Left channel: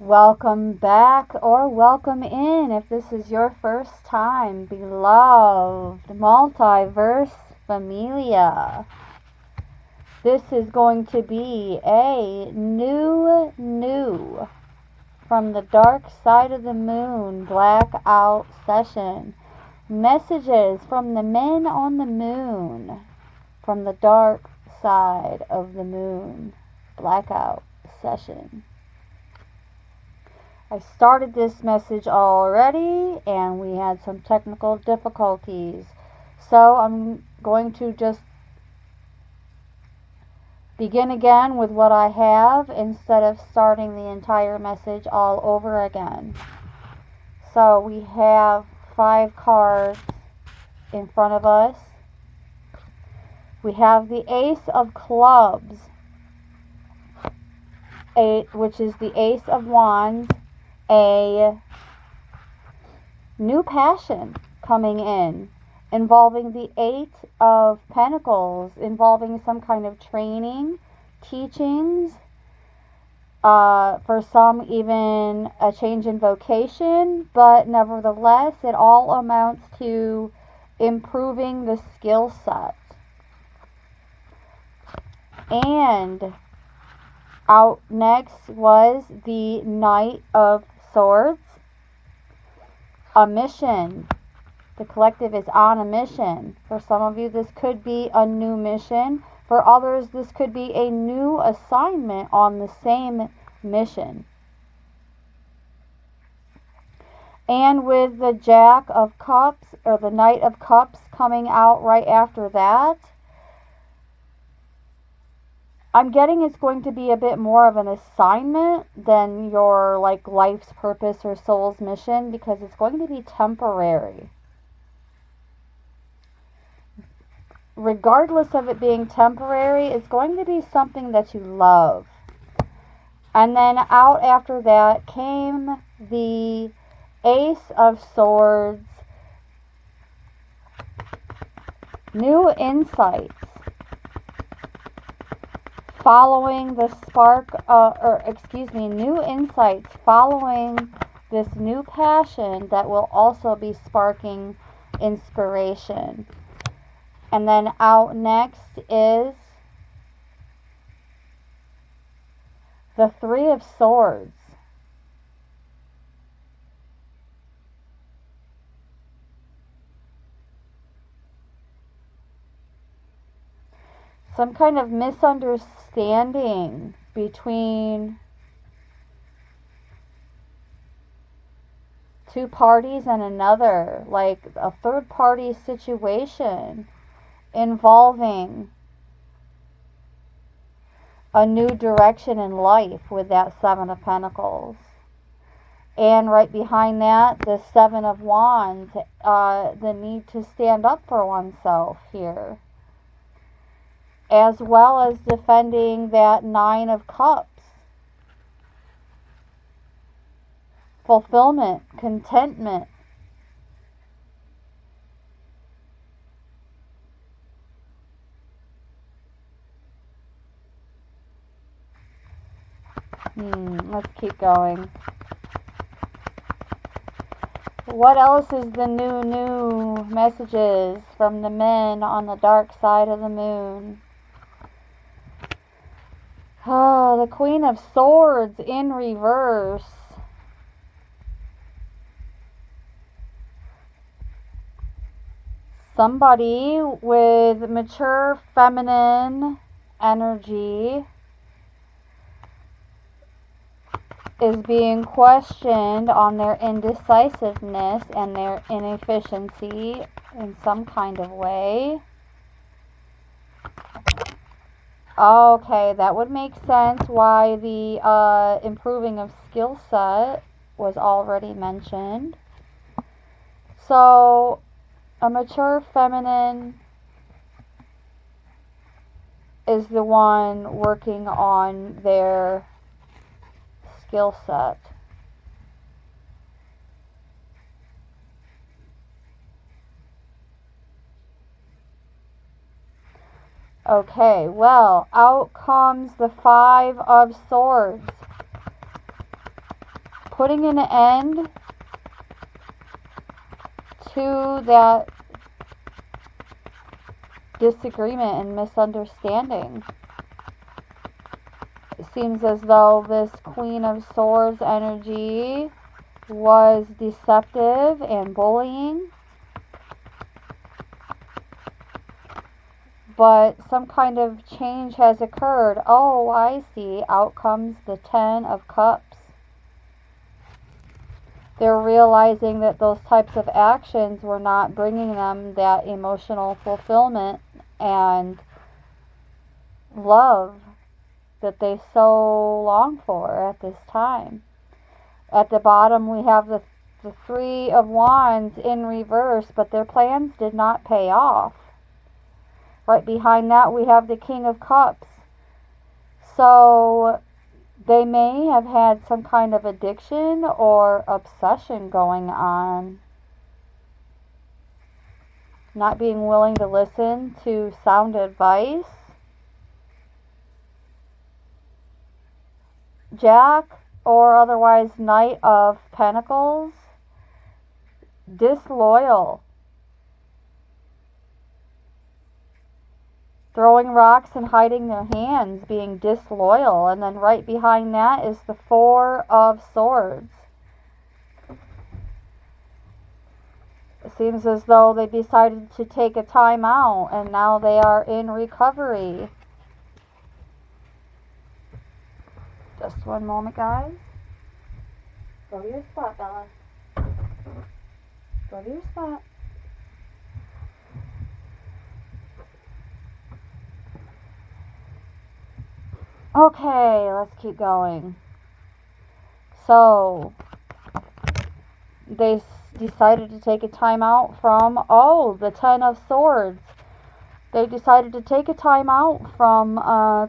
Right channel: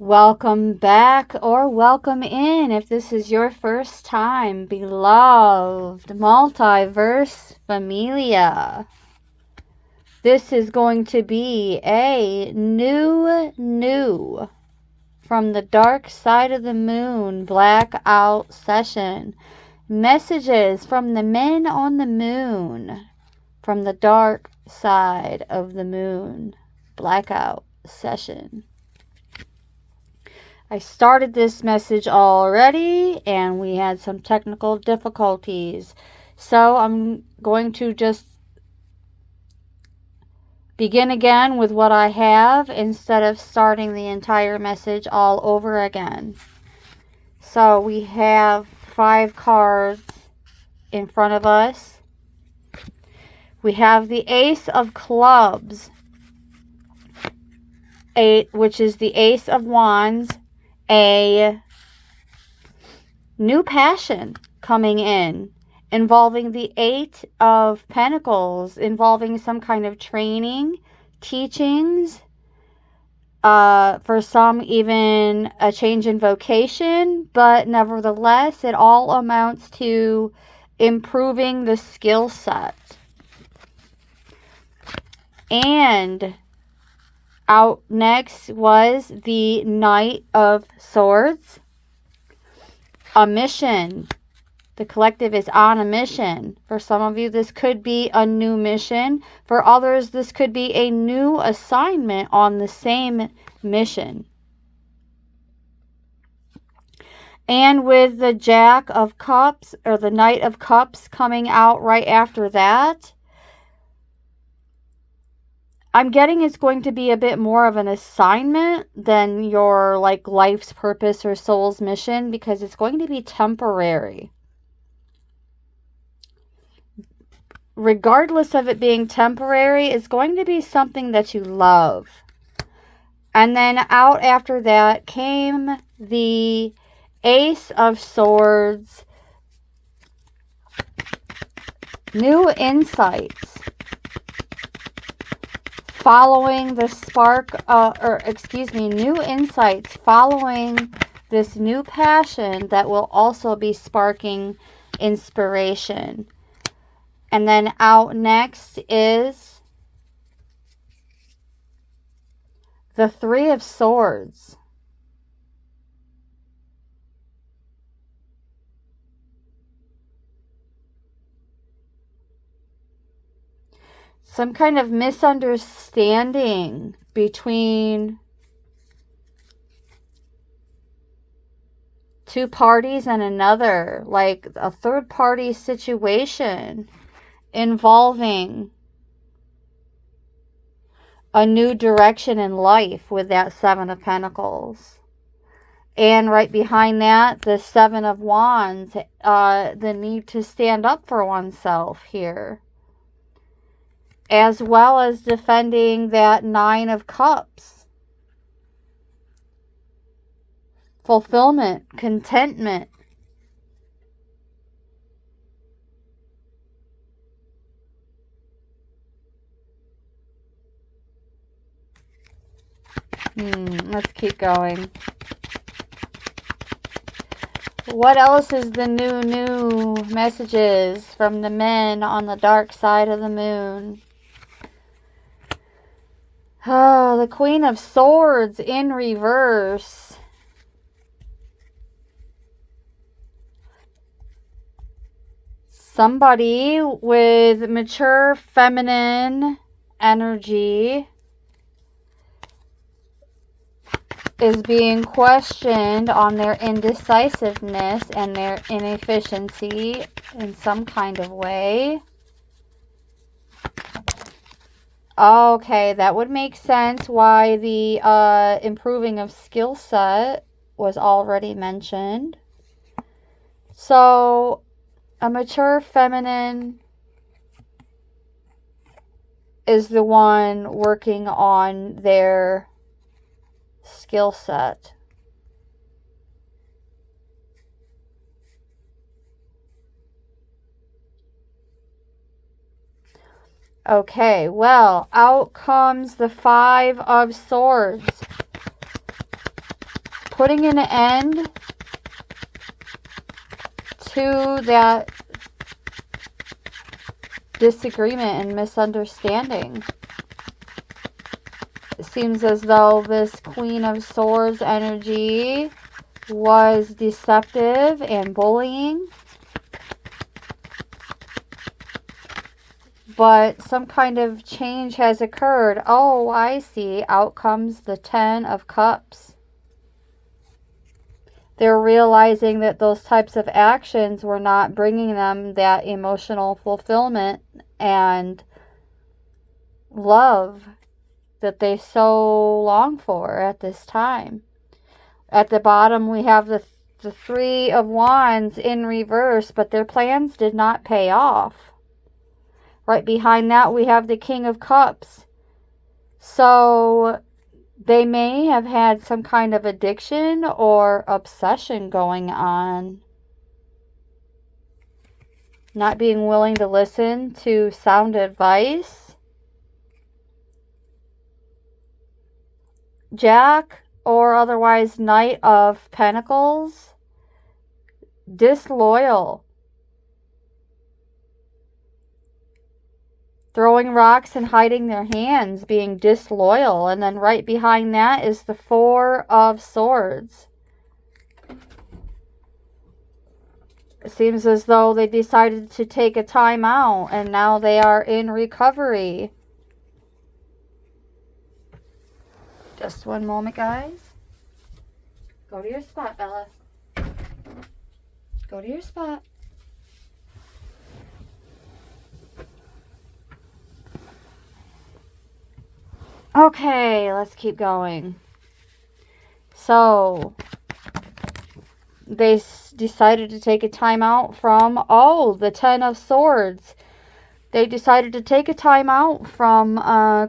Welcome back or welcome in if this is your first time, beloved multiverse familia. This is going to be a new from the dark side of the moon blackout session. Messages from the men on the moon from the dark side of the moon blackout session. I started this message already and we had some technical difficulties. So I'm going to just begin again with what I have instead of starting the entire message all over again. So we have 5 cards in front of us. We have the Ace of Clubs, which is the Ace of Wands. A new passion coming in involving the 8 of Pentacles, involving some kind of training, teachings, for some even a change in vocation, but nevertheless it all amounts to improving the skill set. And out next was the Knight of Swords. A mission. The collective is on a mission. For some of you, this could be a new mission. For others, this could be a new assignment on the same mission. And with the Jack of Cups, or the Knight of Cups coming out right after that, I'm getting it's going to be a bit more of an assignment than your life's purpose or soul's mission, because it's going to be temporary. Regardless of it being temporary, it's going to be something that you love. And then out after that came the Ace of Swords. New insights. Following the new insights following this new passion that will also be sparking inspiration. And then out next is the Three of Swords. Some kind of misunderstanding between two parties and another, like a third party situation involving a new direction in life with that Seven of Pentacles. And right behind that, the Seven of Wands, the need to stand up for oneself here, as well as defending that Nine of Cups. Fulfillment, contentment. Let's keep going. What else is the new messages from the men on the dark side of the moon? Oh, the Queen of Swords in reverse. Somebody with mature feminine energy is being questioned on their indecisiveness and their inefficiency in some kind of way. Okay, that would make sense why the improving of skill set was already mentioned. So, a mature feminine is the one working on their skill set. Okay, well, out comes the Five of Swords. putting an end to that disagreement and misunderstanding. It seems as though this Queen of Swords energy was deceptive and bullying. But some kind of change has occurred. Oh, I see. Out comes the Ten of Cups. They're realizing that those types of actions were not bringing them that emotional fulfillment and love that they so long for at this time. At the bottom, we have the Three of Wands in reverse, but their plans did not pay off. Right behind that, we have the King of Cups. So they may have had some kind of addiction or obsession going on. Not being willing to listen to sound advice. Jack, or otherwise Knight of Pentacles. Disloyal. Throwing rocks and hiding their hands, being disloyal. And then right behind that is the Four of Swords. It seems as though they decided to take a time out and now they are in recovery. Just one moment, guys. Go to your spot, Bella. Go to your spot. Okay, let's keep going. So, they decided to take a time out from, the Ten of Swords. They decided to take a time out from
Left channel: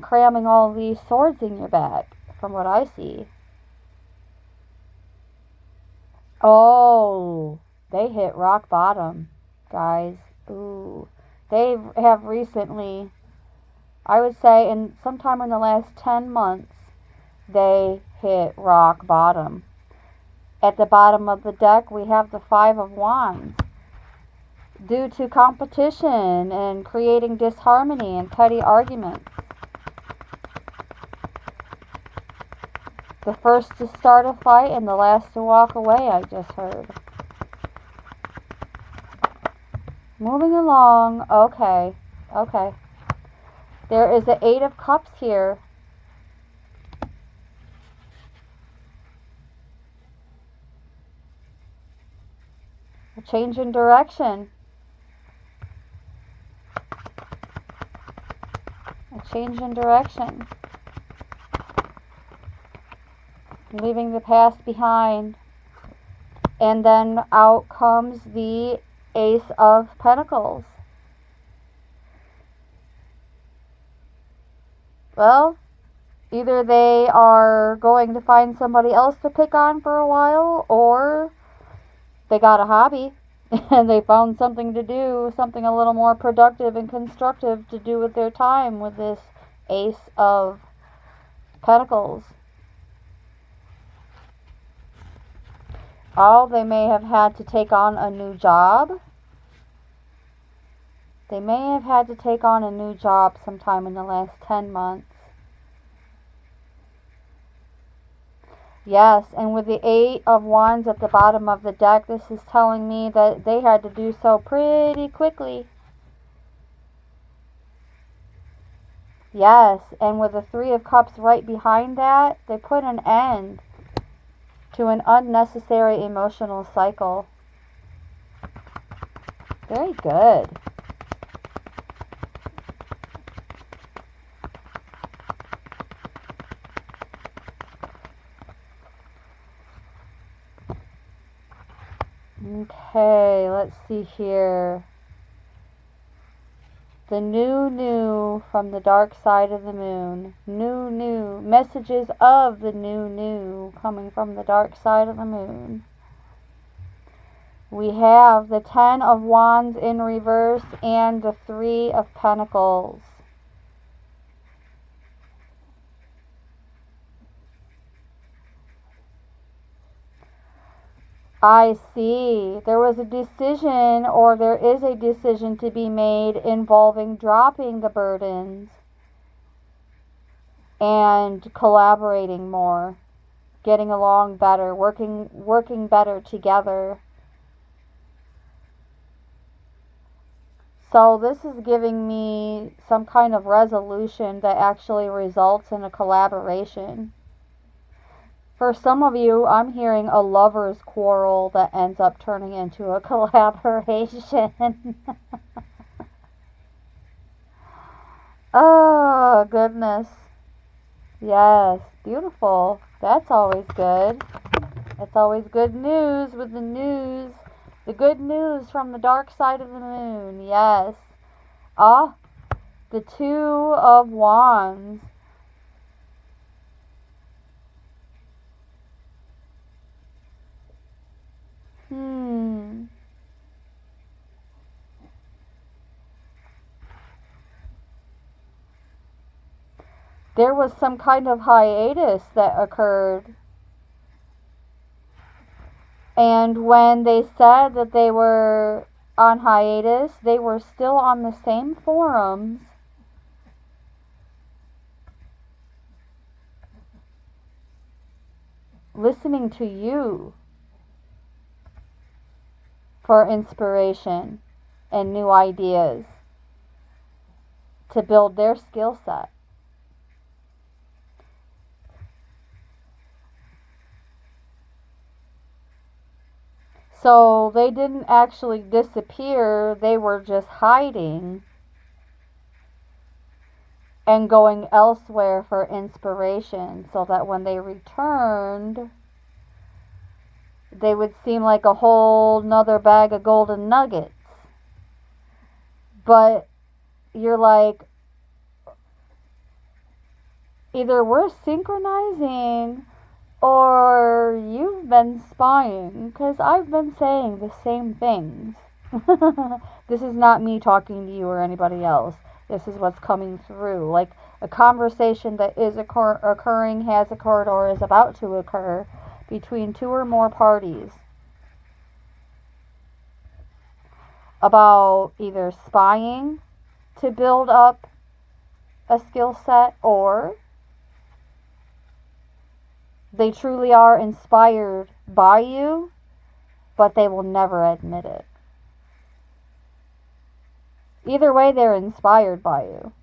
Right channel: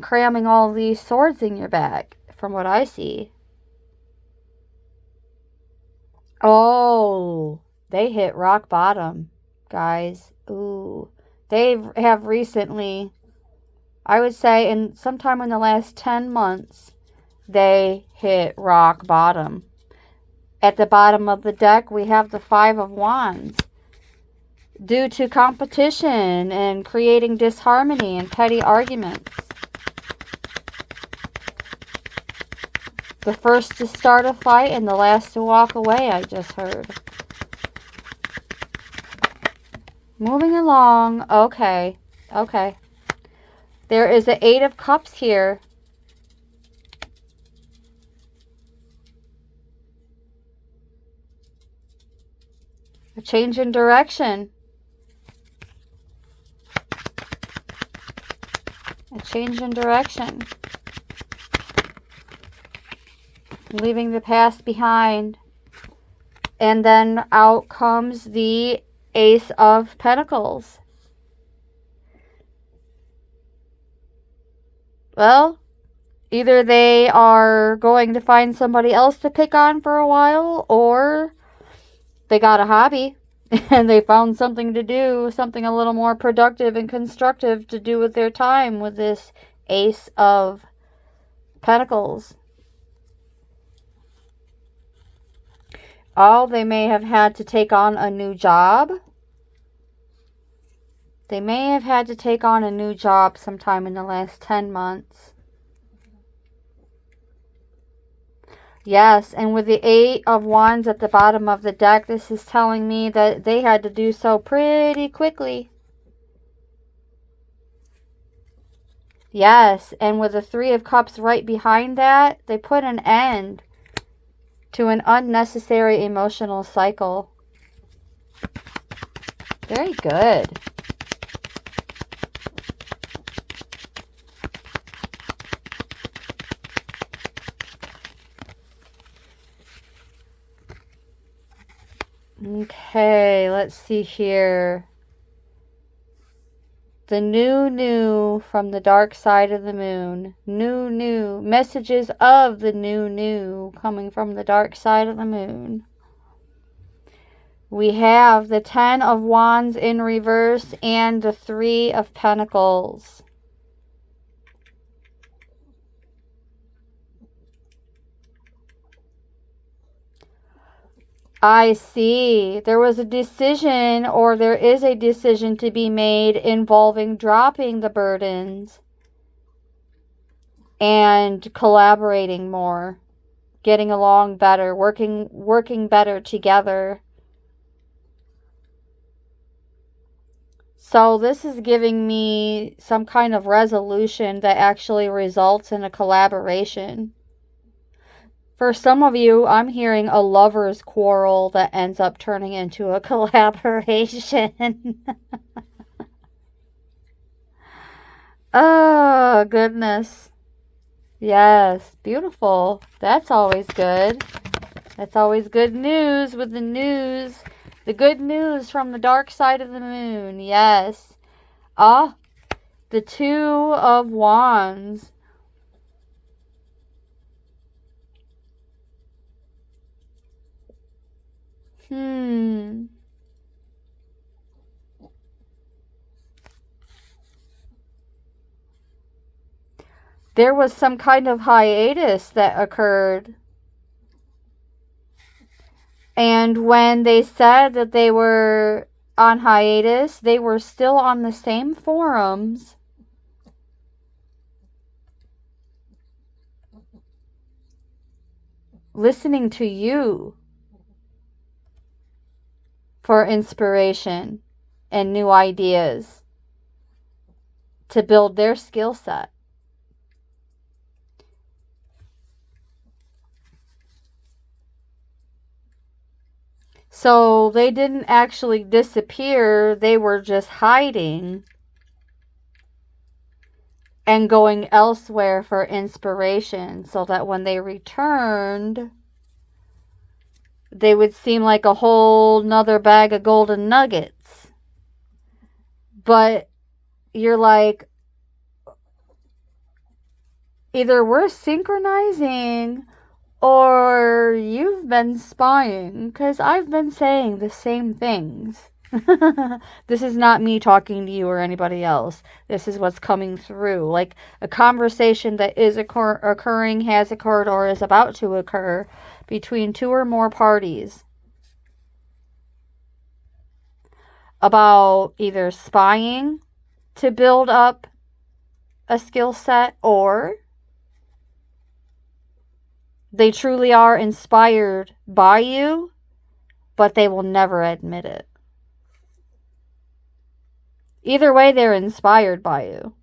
cramming all these swords in your bag, from what I see. Oh, they hit rock bottom, guys. Ooh. They have recently, I would say, sometime in the last 10 months, they hit rock bottom. At the bottom of the deck, we have the Five of Wands. Due to competition and creating disharmony and petty arguments. The first to start a fight and the last to walk away, I just heard. Moving along. Okay. There is an Eight of Cups here. A change in direction. A change in direction. Leaving the past behind. And then out comes the Ace of Pentacles. Well, either they are going to find somebody else to pick on for a while, or they got a hobby and they found something to do, something a little more productive and constructive to do with their time with this Ace of Pentacles. Oh, they may have had to take on a new job. They may have had to take on a new job sometime in the last 10 months. Yes, and with the Eight of Wands at the bottom of the deck, this is telling me that they had to do so pretty quickly. Yes, and with the Three of Cups right behind that, they put an end to an unnecessary emotional cycle. Very good. Okay, let's see here. The new from the dark side of the moon. New. Messages of the new coming from the dark side of the moon. We have the Ten of Wands in reverse and the Three of Pentacles. I see. There was a decision, or there is a decision to be made involving dropping the burdens and collaborating more, getting along better, working better together. So this is giving me some kind of resolution that actually results in a collaboration. For some of you, I'm hearing a lover's quarrel that ends up turning into a collaboration. Oh, goodness. Yes, beautiful. That's always good. That's always good news with the news. The good news from the dark side of the moon. Yes. Ah, the Two of Wands. There was some kind of hiatus that occurred. And when they said that they were on hiatus, they were still on the same forums, listening to you for inspiration and new ideas to build their skill set. So they didn't actually disappear, they were just hiding and going elsewhere for inspiration, so that when they returned, they would seem like a whole nother bag of golden nuggets. But you're like, either we're synchronizing or you've been spying, because I've been saying the same things. This is not me talking to you or anybody else. This is what's coming through. Like a conversation that is occurring, has occurred, or is about to occur between two or more parties about either spying to build up a skill set, or they truly are inspired by you, but they will never admit it. Either way, they're inspired by you,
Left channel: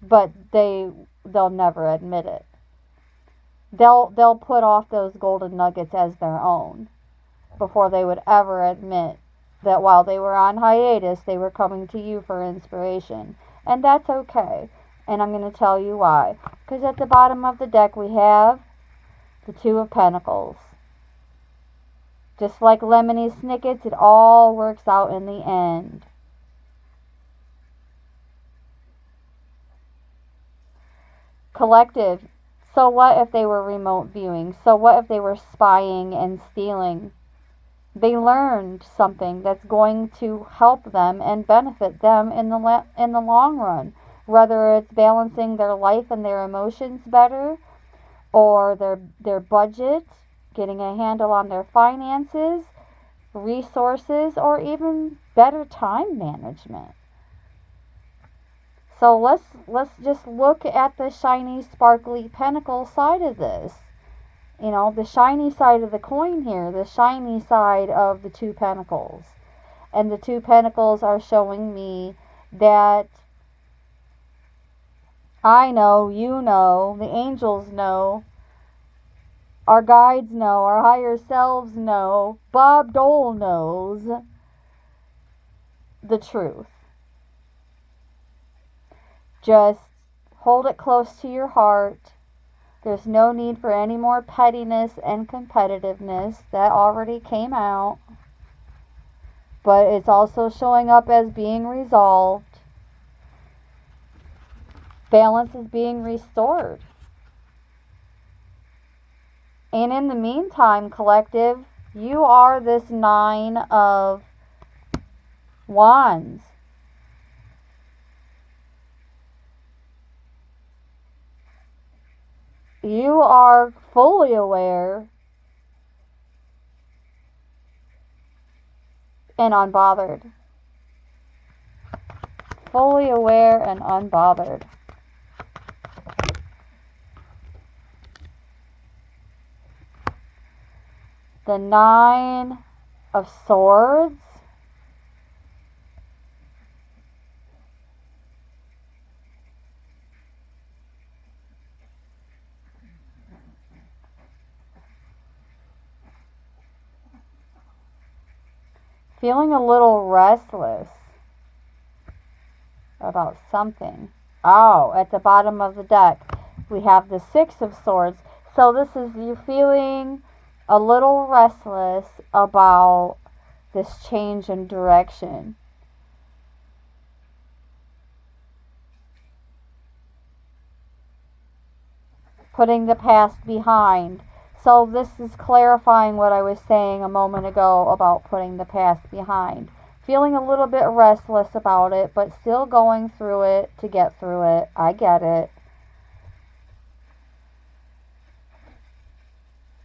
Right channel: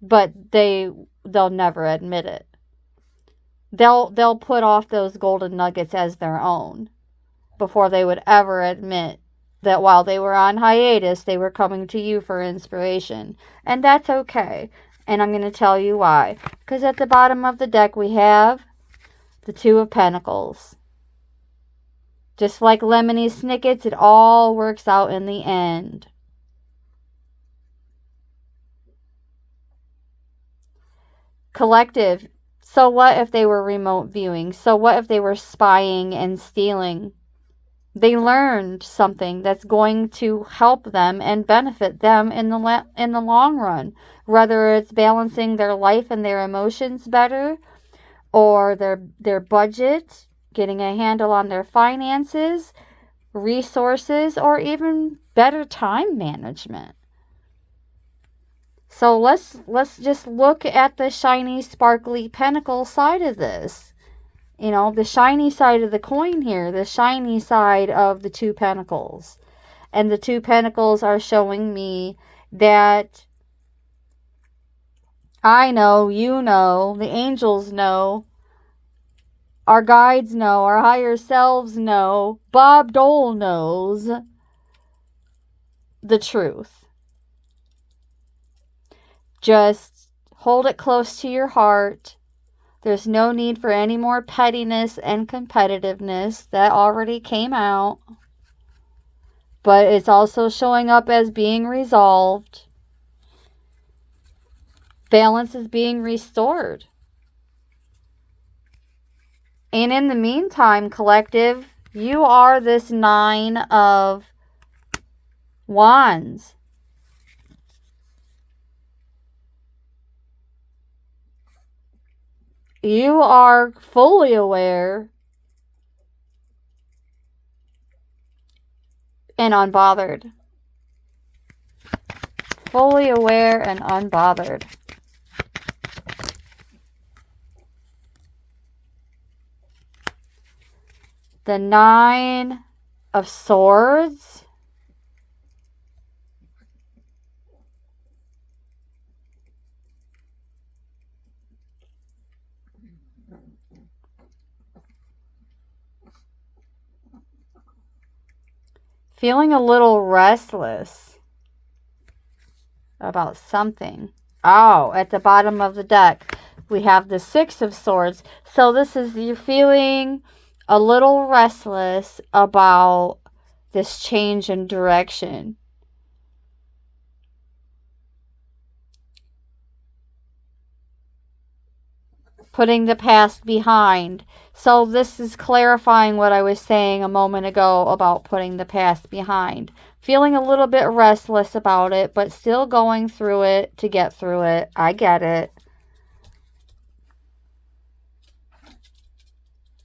but they'll never admit it. They'll put off those golden nuggets as their own before they would ever admit that while they were on hiatus, they were coming to you for inspiration. And that's okay. And I'm going to tell you why. Because at the bottom of the deck, we have the Two of Pentacles. Just like Lemony Snicket's, it all works out in the end. Collective. So what if they were remote viewing? So what if they were spying and stealing? They learned something that's going to help them and benefit them in the long run. Whether it's balancing their life and their emotions better, or their budget, getting a handle on their finances, resources, or even better time management. So let's just look at the shiny, sparkly pentacle side of this. You know, the shiny side of the coin here, the shiny side of the Two Pentacles. And the Two Pentacles are showing me that I know, you know, the angels know, our guides know, our higher selves know, Bob Dole knows the truth. Just hold it close to your heart. There's no need for any more pettiness and competitiveness. That already came out. But it's also showing up as being resolved. Balance is being restored. And in the meantime, collective, you are this Nine of Wands. You are fully aware and unbothered. Fully aware and unbothered. The 9 of Swords. Feeling a little restless about something. Oh, at the bottom of the deck, we have the 6 of Swords. So this is you feeling a little restless about this change in direction. Putting the past behind. So this is clarifying what I was saying a moment ago about putting the past behind. Feeling a little bit restless about it, but still going through it to get through it. I get it.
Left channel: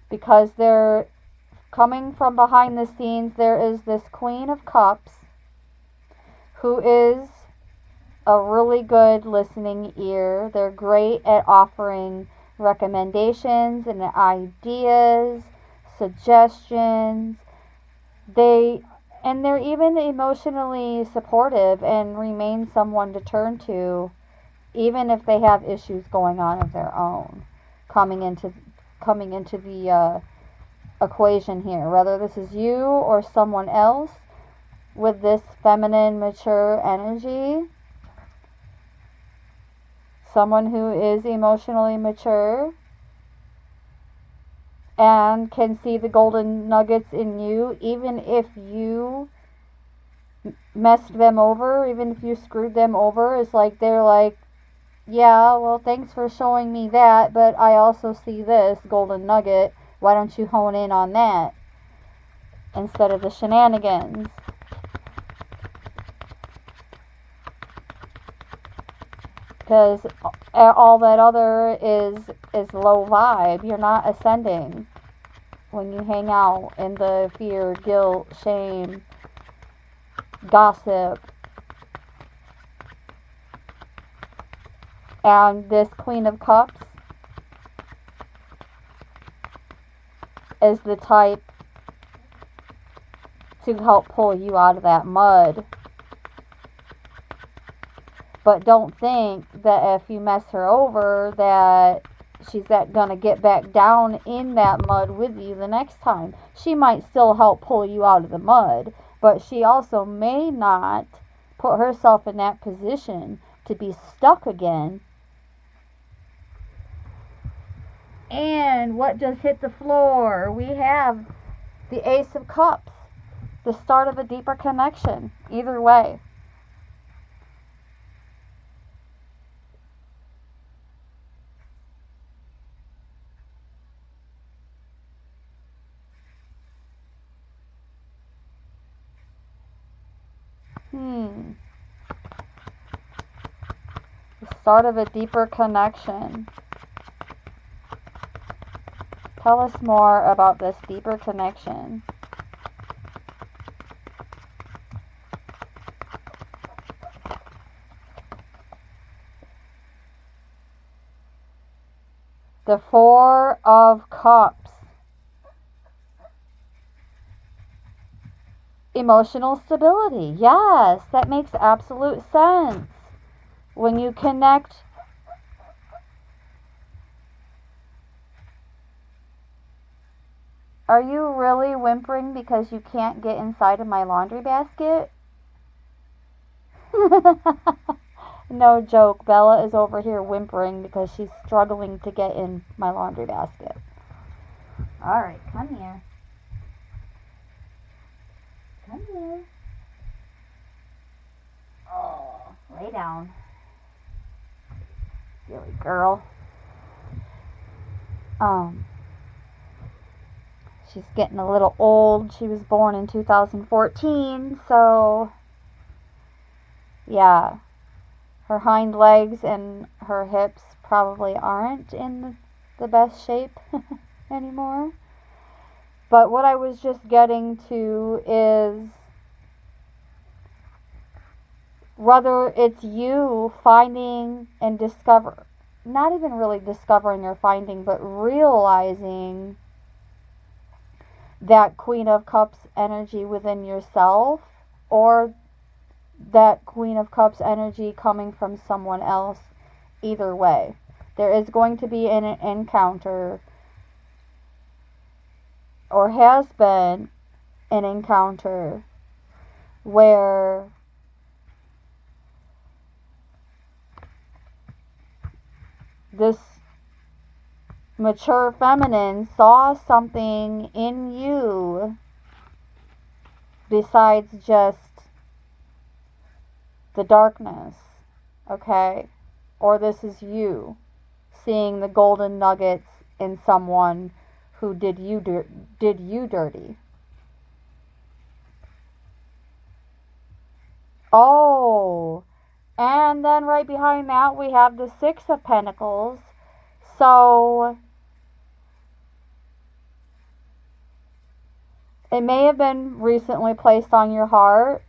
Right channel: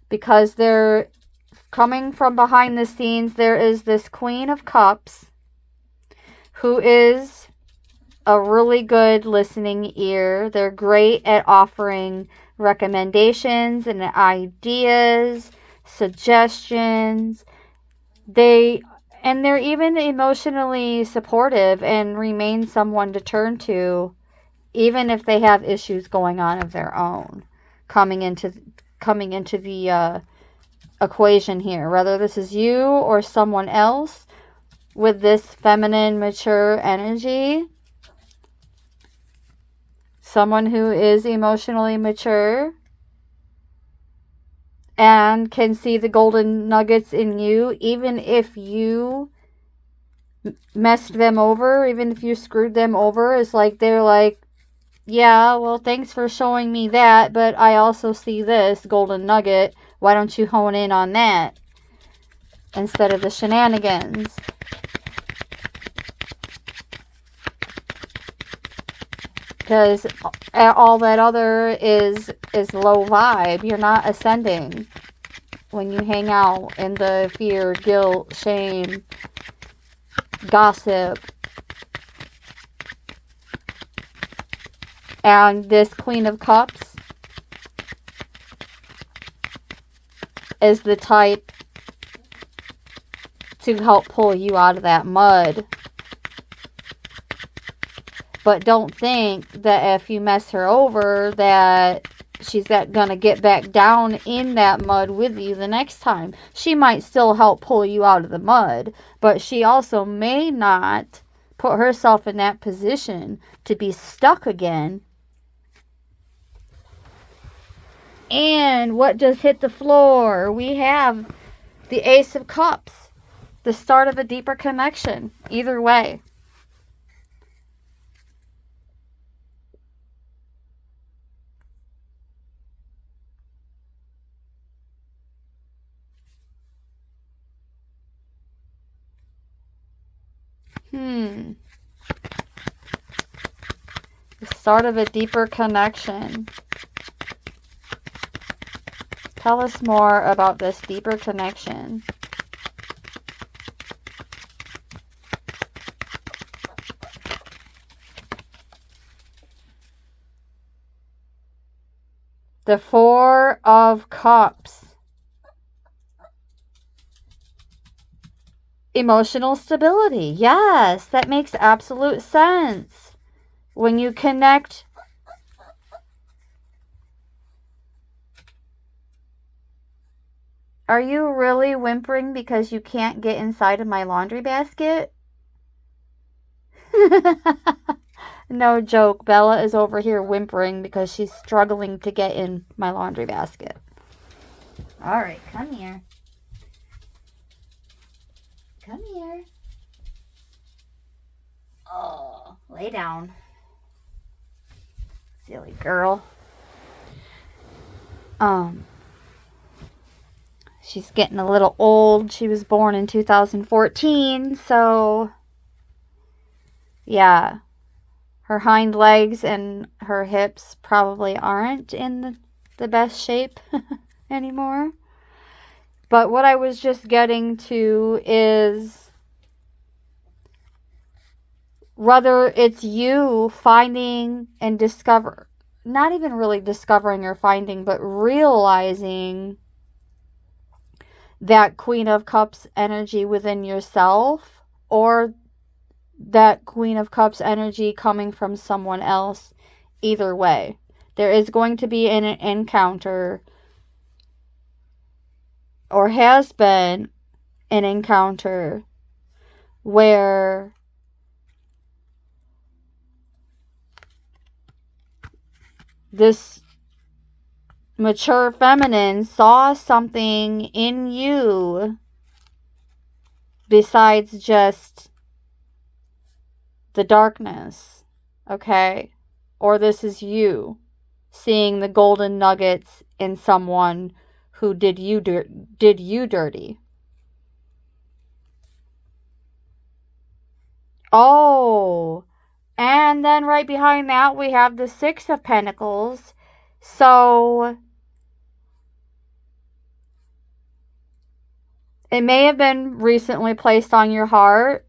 Because they're coming from behind the scenes, there is this Queen of Cups who is a really good listening ear. They're great at offering recommendations and ideas, suggestions. They're even emotionally supportive and remain someone to turn to, even if they have issues going on of their own coming into the equation here. Whether this is you or someone else with this feminine, mature energy. Someone who is emotionally mature and can see the golden nuggets in you, even if you messed them over, even if you screwed them over. It's like they're like, yeah, well, thanks for showing me that, but I also see this golden nugget. Why don't you hone in on that instead of the shenanigans? Because all that other is low vibe. You're not ascending when you hang out in the fear, guilt, shame, gossip. And this Queen of Cups is the type to help pull you out of that mud. But don't think that if you mess her over that she's gonna get back down in that mud with you the next time. She might still help pull you out of the mud, but she also may not put herself in that position to be stuck again. And what just hit the floor? We have the Ace of Cups, the start of a deeper connection. Either way. The start of a deeper connection. Tell us more about this deeper connection. The 4 of Cups. Emotional stability. Yes, that makes absolute sense. When you connect. Are you really whimpering because you can't get inside of my laundry basket? No joke. Bella is over here whimpering because she's struggling to get in my laundry basket. Alright, come here. Come here. Oh, lay down. Silly girl. She's getting a little old. She was born in 2014, so yeah. Her hind legs and her hips probably aren't in the best shape anymore. But what I was just getting to is whether it's you finding and not even really discovering or finding, but realizing that Queen of Cups energy within yourself, or that Queen of Cups energy coming from someone else. Either way, there is going to be an encounter, or has been an encounter, where this mature feminine saw something in you besides just the darkness, okay? Or this is you seeing the golden nuggets in someone who did you dirty. Oh, and then right behind that we have the Six of Pentacles. So it may have been recently placed on your heart,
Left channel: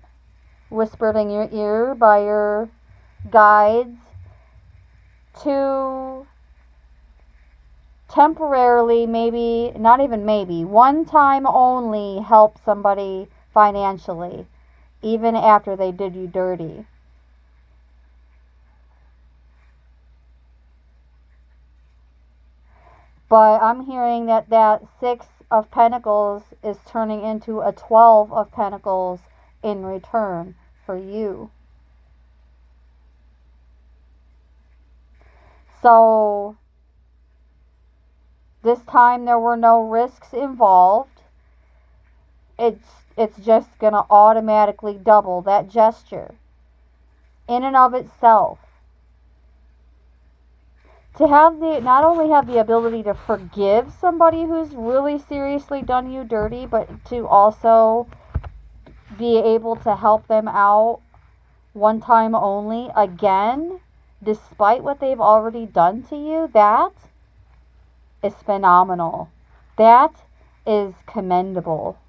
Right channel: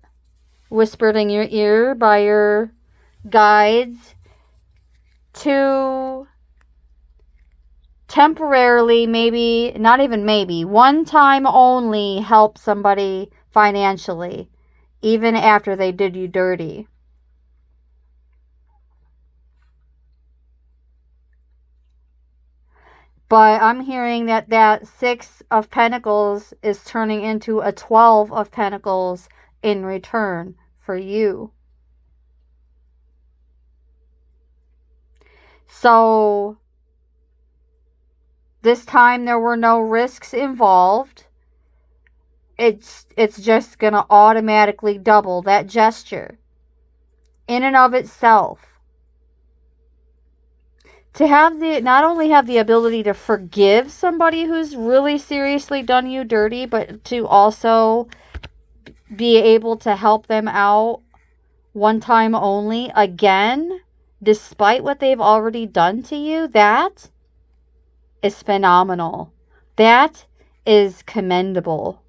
whispered in your ear by your guides, to temporarily, maybe, not even maybe, one time only help somebody financially, even after they did you dirty. But I'm hearing that that Six of Pentacles is turning into a 12 of Pentacles in return for you. So this time there were no risks involved. It's just going to automatically double that gesture in and of itself. To have not only have the ability to forgive somebody who's really seriously done you dirty, but to also be able to help them out one time only again, despite what they've already done to you, that is phenomenal. That is commendable.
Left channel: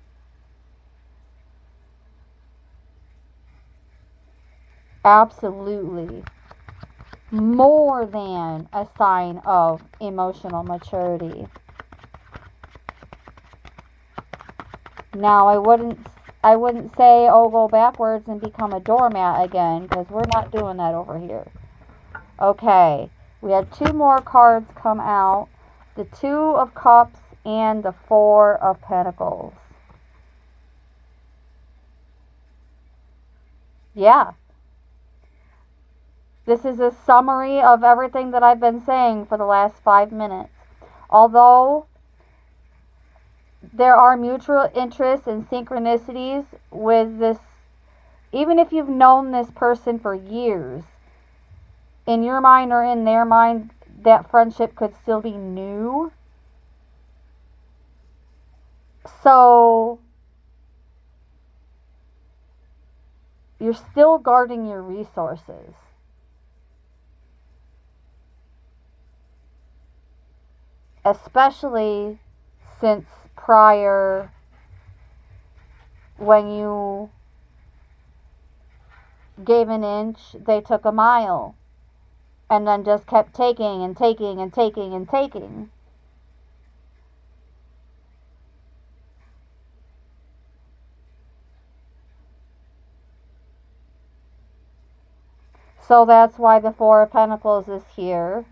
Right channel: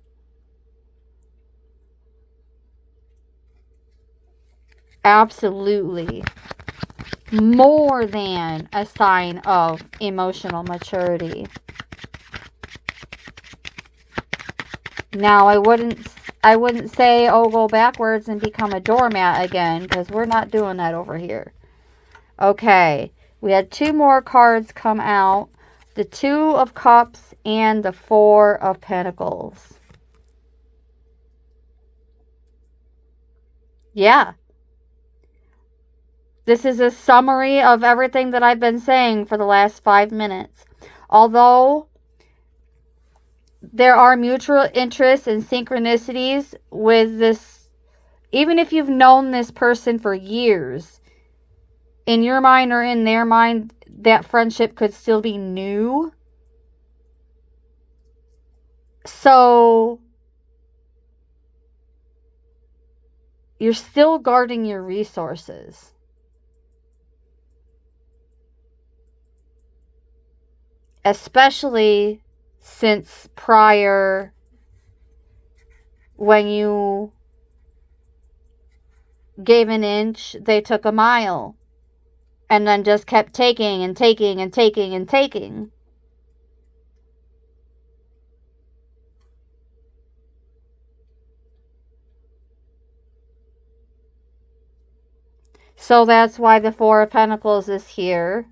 Absolutely. More than a sign of emotional maturity. Now, I wouldn't say, oh, go backwards and become a doormat again, because we're not doing that over here. Okay, we had two more cards come out. The Two of Cups and the Four of Pentacles. Yeah. This is a summary of everything that I've been saying for the last 5 minutes. Although there are mutual interests and synchronicities with this, even if you've known this person for years, in your mind or in their mind, that friendship could still be new. So you're still guarding your resources. Especially since prior, when you gave an inch, they took a mile. And then just kept taking and taking and taking and taking. So that's why the Four of Pentacles is here.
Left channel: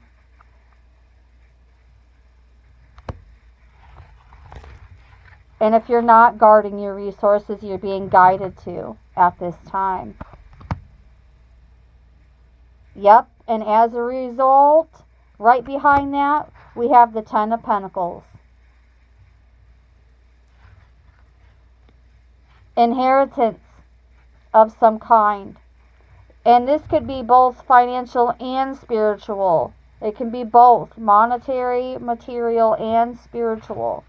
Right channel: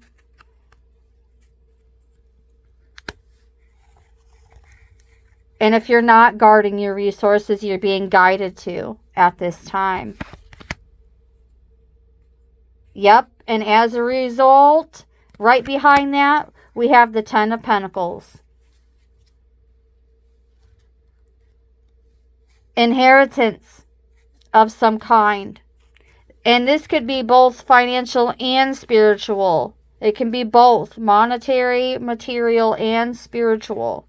And if you're not guarding your resources, you're being guided to at this time. Yep, and as a result, right behind that, we have the Ten of Pentacles. Inheritance of some kind. And this could be both financial and spiritual. It can be both monetary, material, and spiritual.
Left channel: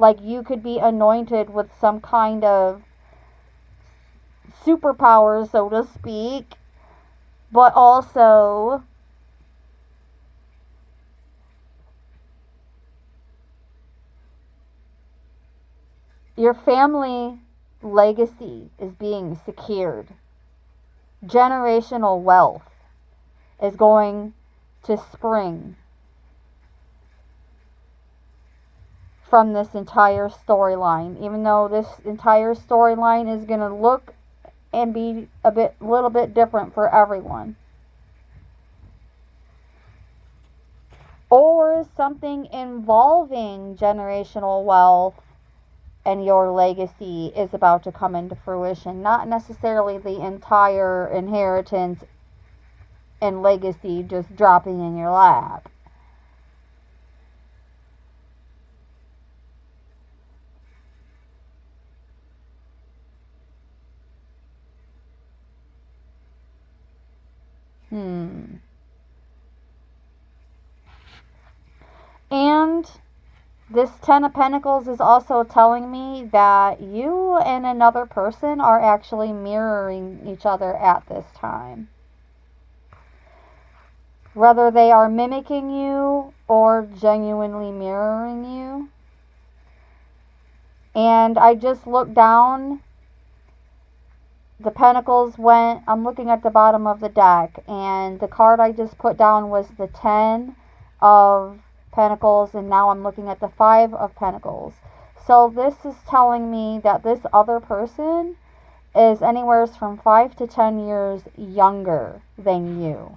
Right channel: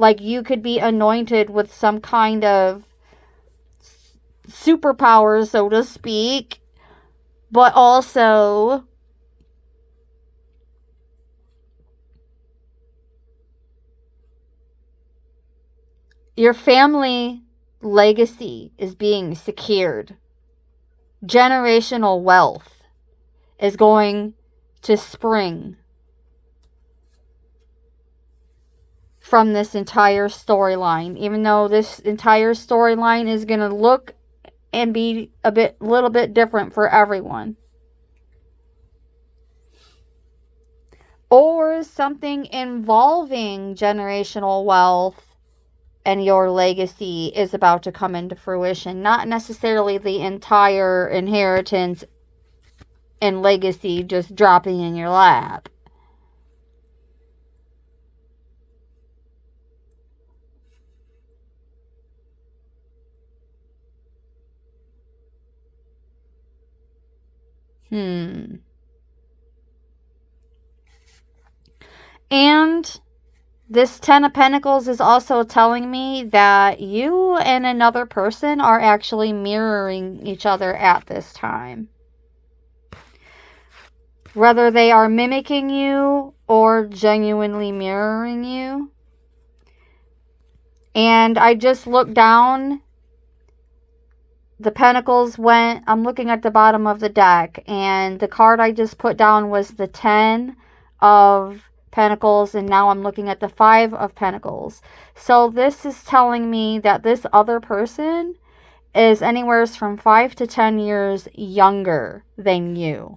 Like you could be anointed with some kind of superpower, so to speak, but also your family legacy is being secured. generational wealth is going to spring from this entire storyline, even though this entire storyline is going to look and be little bit different for everyone. Or something involving generational wealth and your legacy is about to come into fruition. Not necessarily the entire inheritance and legacy just dropping in your lap. And this Ten of Pentacles is also telling me that you and another person are actually mirroring each other at this time. Whether they are mimicking you or genuinely mirroring you. And I just looked down. The Pentacles went, I'm looking at the bottom of the deck, and the card I just put down was the 10 of Pentacles, and now I'm looking at the 5 of Pentacles. So this is telling me that this other person is anywhere from 5 to 10 years younger than you.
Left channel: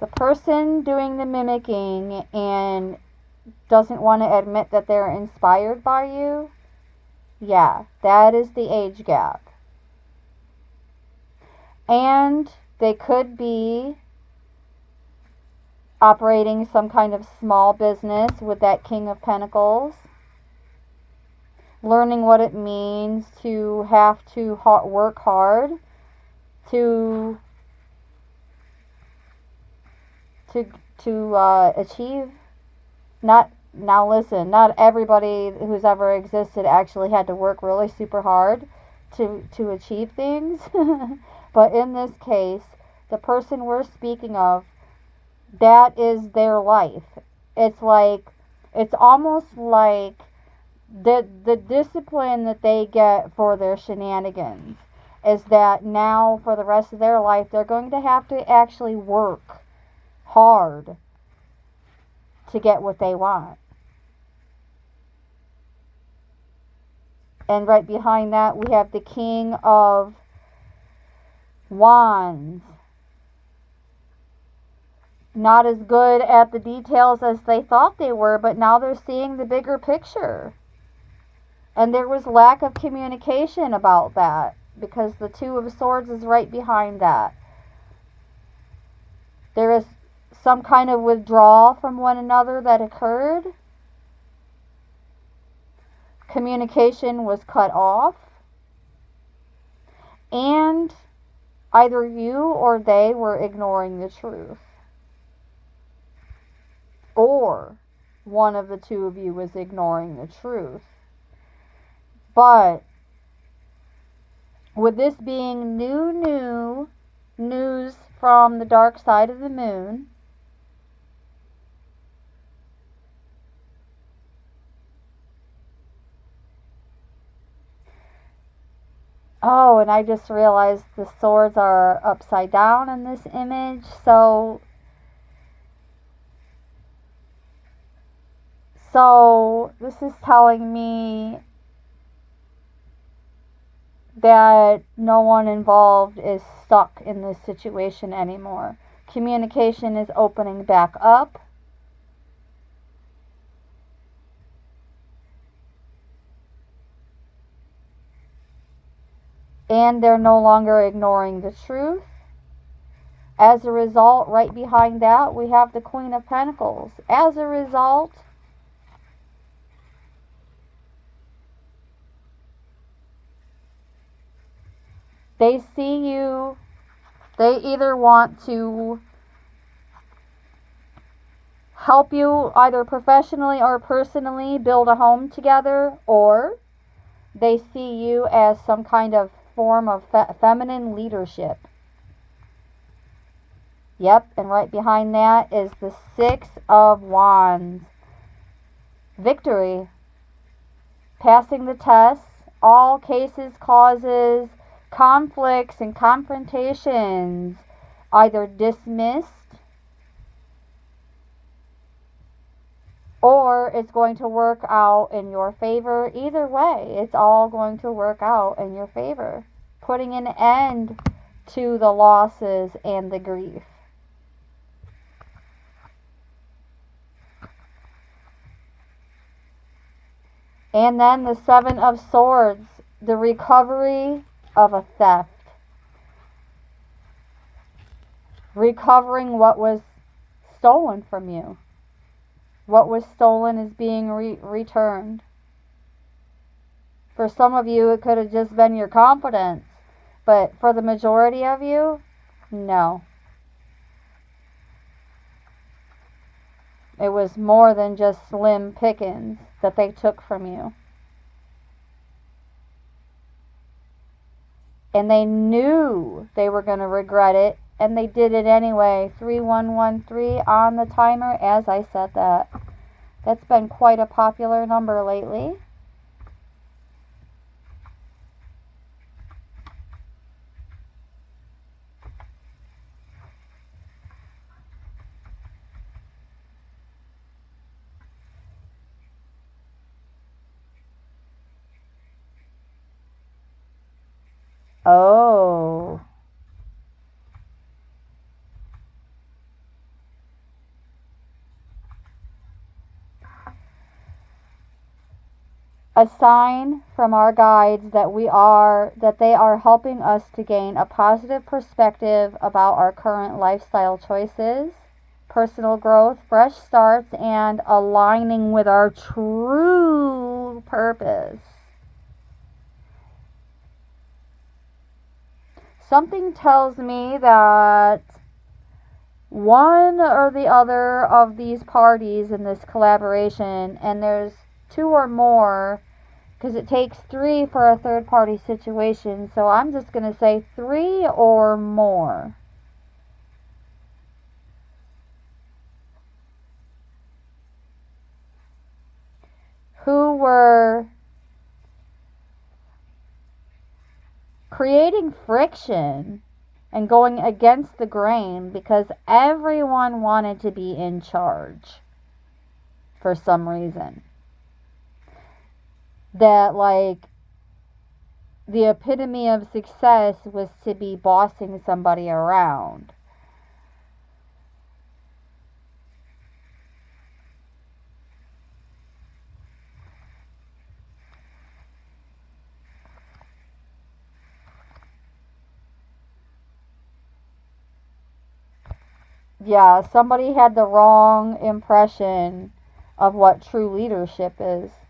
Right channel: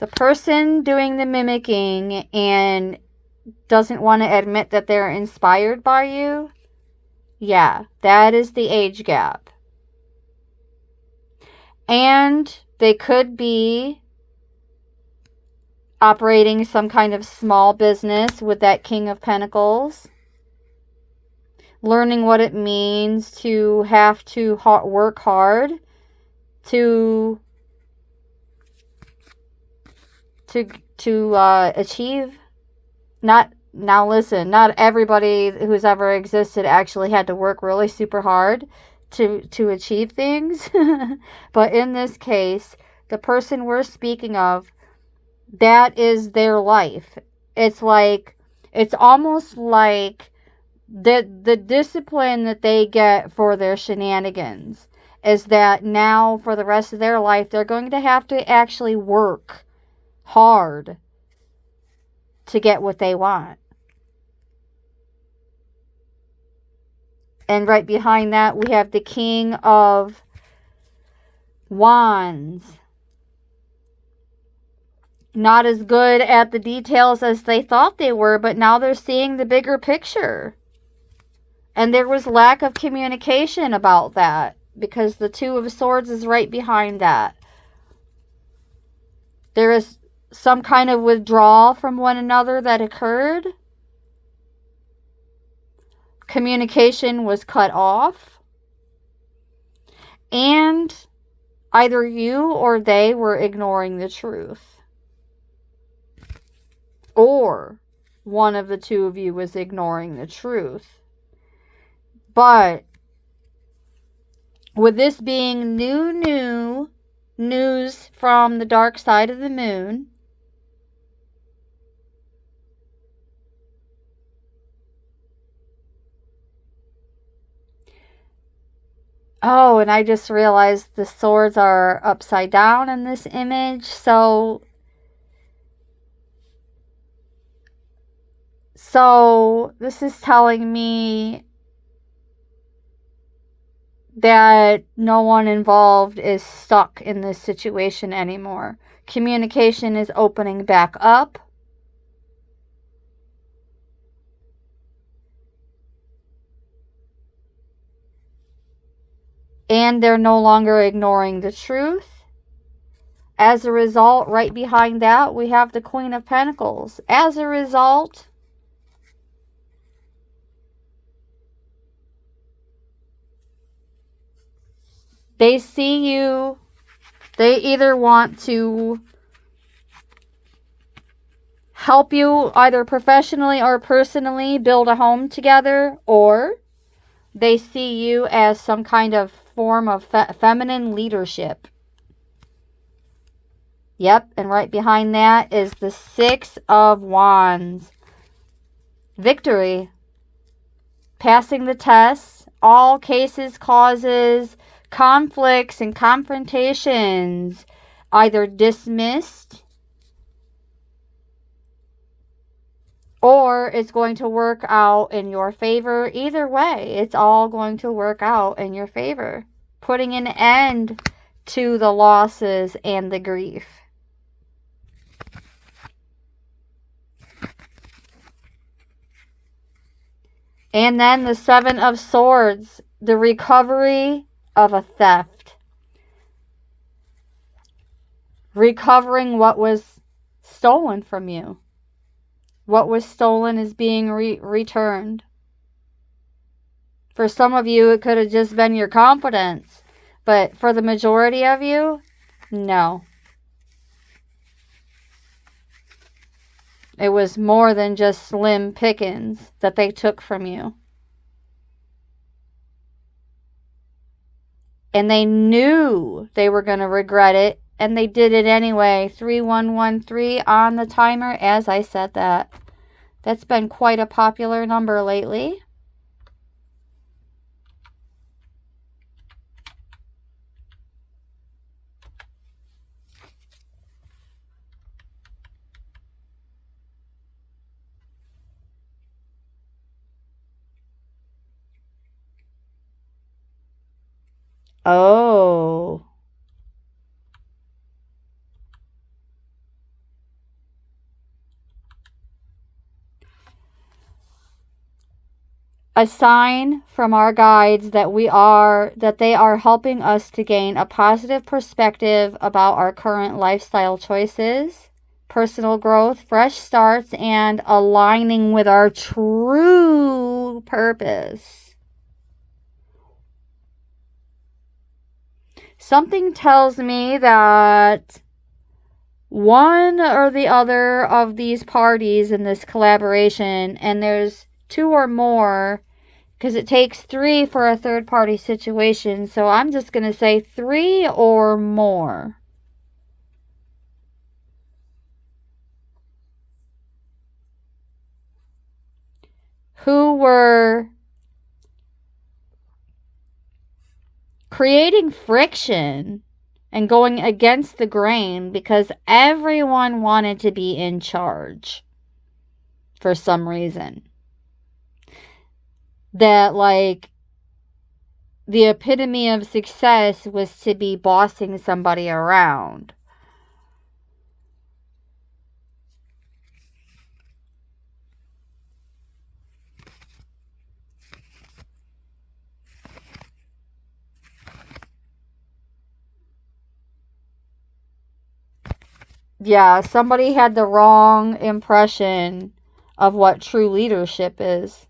The person doing the mimicking and doesn't want to admit that they're inspired by you, yeah, that is the age gap. And they could be operating some kind of small business with that King of Pentacles. Learning what it means to have to work hard to achieve. Now listen, not everybody who's ever existed actually had to work really super hard to achieve things. But in this case, the person we're speaking of, that is their life. It's almost like the discipline that they get for their shenanigans is that now for the rest of their life they're going to have to actually work hard to get what they want. And right behind that, we have the King of Wands. Not as good at the details as they thought they were, but now they're seeing the bigger picture. And there was lack of communication about that, because the Two of Swords is right behind that. There is some kind of withdrawal from one another that occurred. Communication was cut off. And either you or they were ignoring the truth. Or one of the two of you was ignoring the truth. But with this being new news from the dark side of the moon, oh, and I just realized the swords are upside down in this image. So this is telling me that no one involved is stuck in this situation anymore. Communication is opening back up. And they're no longer ignoring the truth. As a result, right behind that, we have the Queen of Pentacles. As a result, they see you, they either want to help you either professionally or personally build a home together, or they see you as some kind of form of feminine leadership. Yep, and right behind that is the Six of Wands. Victory. passing the tests, all cases, causes, conflicts, and confrontations either dismissed or it's going to work out in your favor. Either way, it's all going to work out in your favor, putting an end to the losses and the grief. And then the Seven of Swords, the recovery of a theft. Recovering what was stolen from you. What was stolen is being returned. For some of you, it could have just been your confidence. But for the majority of you, no. It was more than just slim pickings that they took from you. And they knew they were going to regret it, and they did it anyway. 3113 on the timer as I said that. That's been quite a popular number lately. Oh. A sign from our guides that they are helping us to gain a positive perspective about our current lifestyle choices, personal growth, fresh starts, and aligning with our true purpose. Something tells me that one or the other of these parties in this collaboration, and there's 2 or more, because it takes 3 for a third party situation, so I'm just going to say 3 or more. Who were creating friction and going against the grain because everyone wanted to be in charge for some reason. That, like, the epitome of success was to be bossing somebody around. Yeah, somebody had the wrong impression of what true leadership is.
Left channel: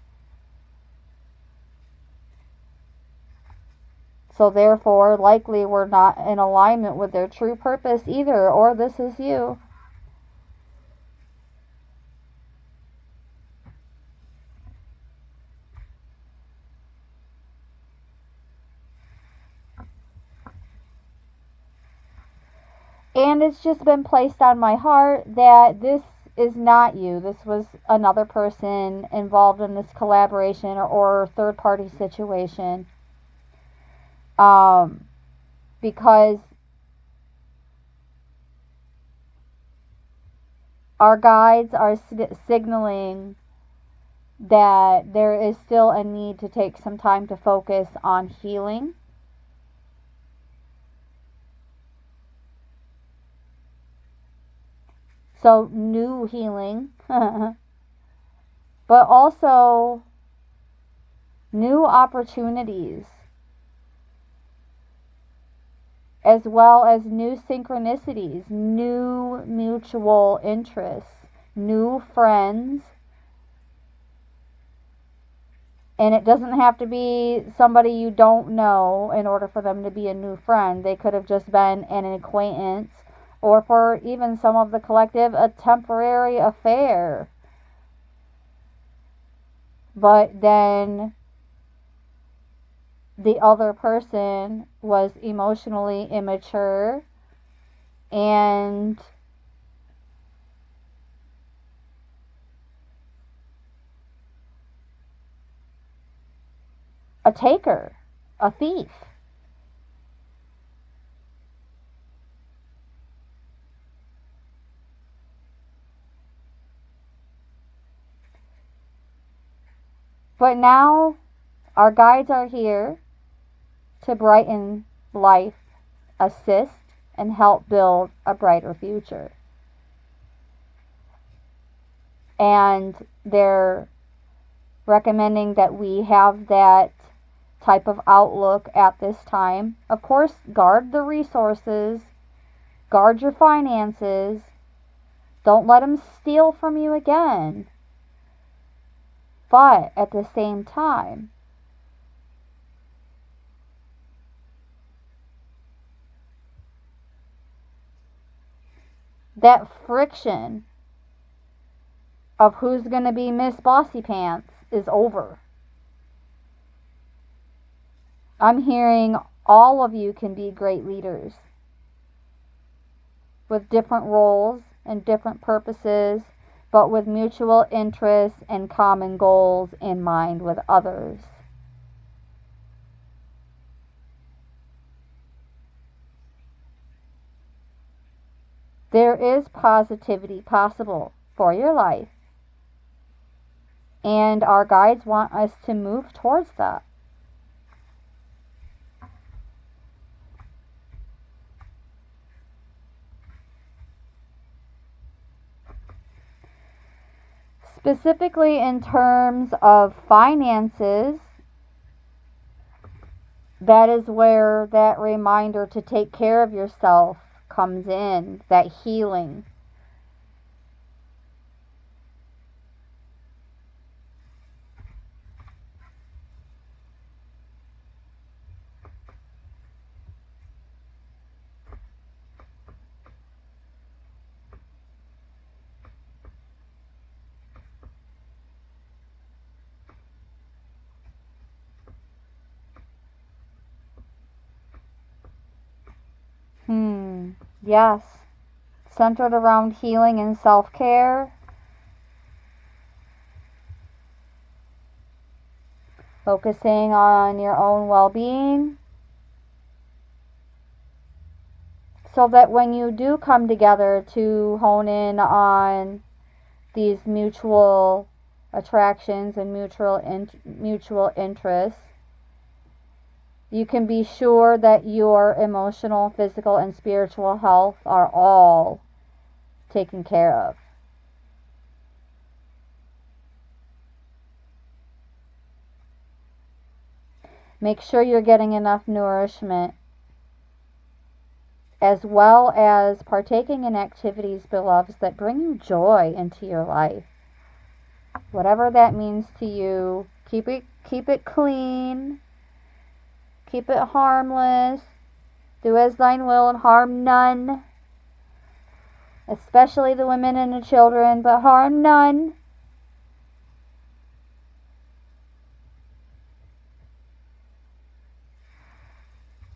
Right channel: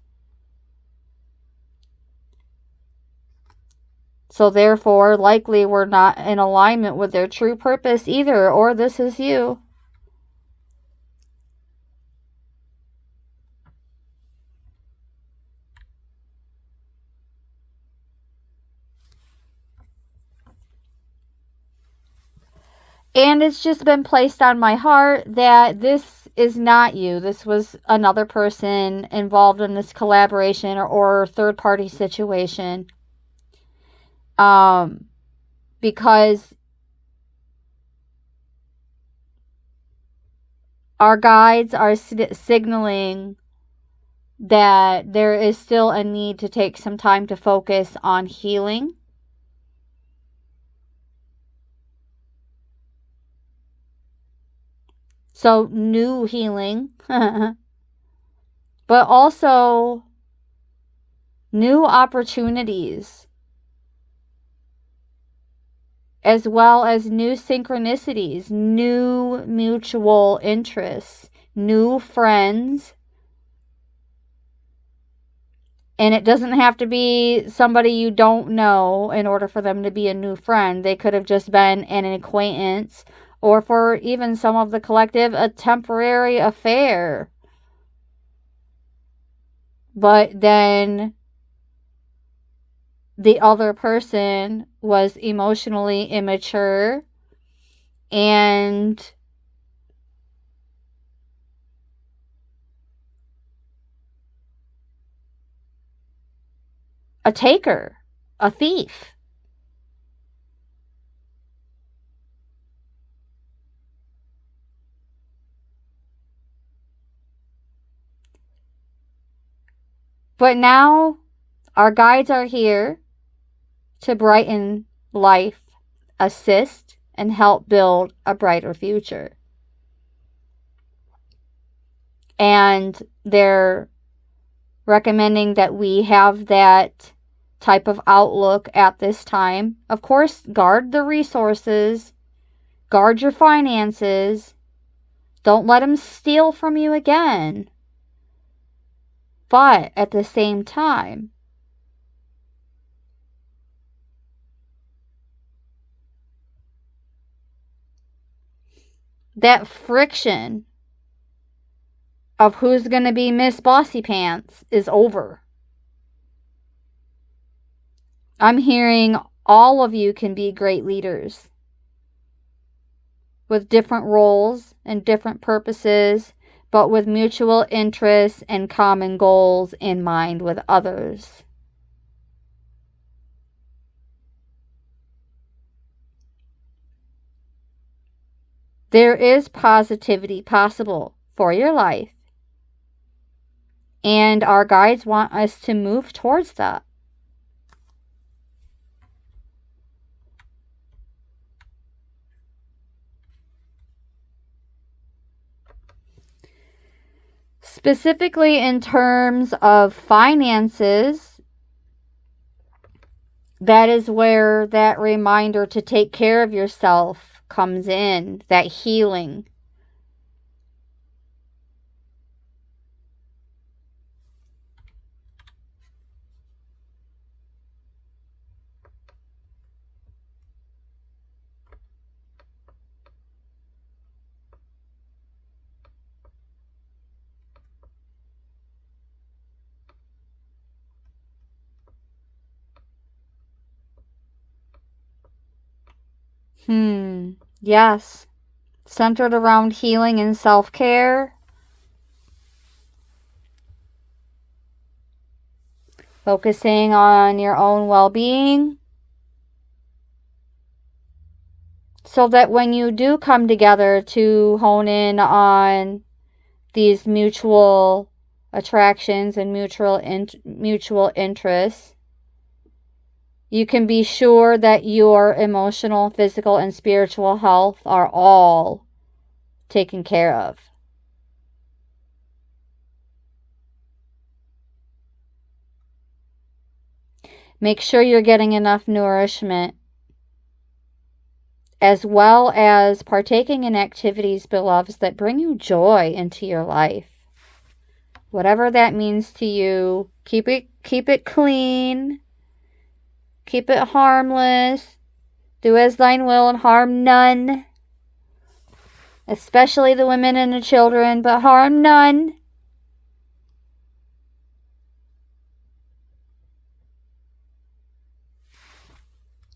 So therefore, likely we're not in alignment with their true purpose either, or this is you. And it's just been placed on my heart that this is not you. This was another person involved in this collaboration or third party situation. Because our guides are signaling that there is still a need to take some time to focus on healing. So, new healing, but also new opportunities, as well as new synchronicities, new mutual interests, new friends. And it doesn't have to be somebody you don't know in order for them to be a new friend. They could have just been an acquaintance, or for even some of the collective, a temporary affair. But then the other person was emotionally immature and a taker, a thief. But now our guides are here to brighten life, assist, and help build a brighter future. And they're recommending that we have that type of outlook at this time. Of course, guard the resources, guard your finances, don't let them steal from you again. But at the same time, that friction of who's going to be Miss Bossy Pants is over. I'm hearing all of you can be great leaders with different roles and different purposes, but with mutual interests and common goals in mind with others. There is positivity possible for your life, and our guides want us to move towards that. Specifically in terms of finances, that is where that reminder to take care of yourself comes in, that healing. Yes. Centered around healing and self-care. Focusing on your own well-being. So that when you do come together to hone in on these mutual attractions and mutual interests, you can be sure that your emotional, physical, and spiritual health are all taken care of. Make sure you're getting enough nourishment, as well as partaking in activities, beloveds, that bring you joy into your life. Whatever that means to you, keep it clean. Keep it harmless. Do as thine will and harm none. Especially the women and the children, but harm none.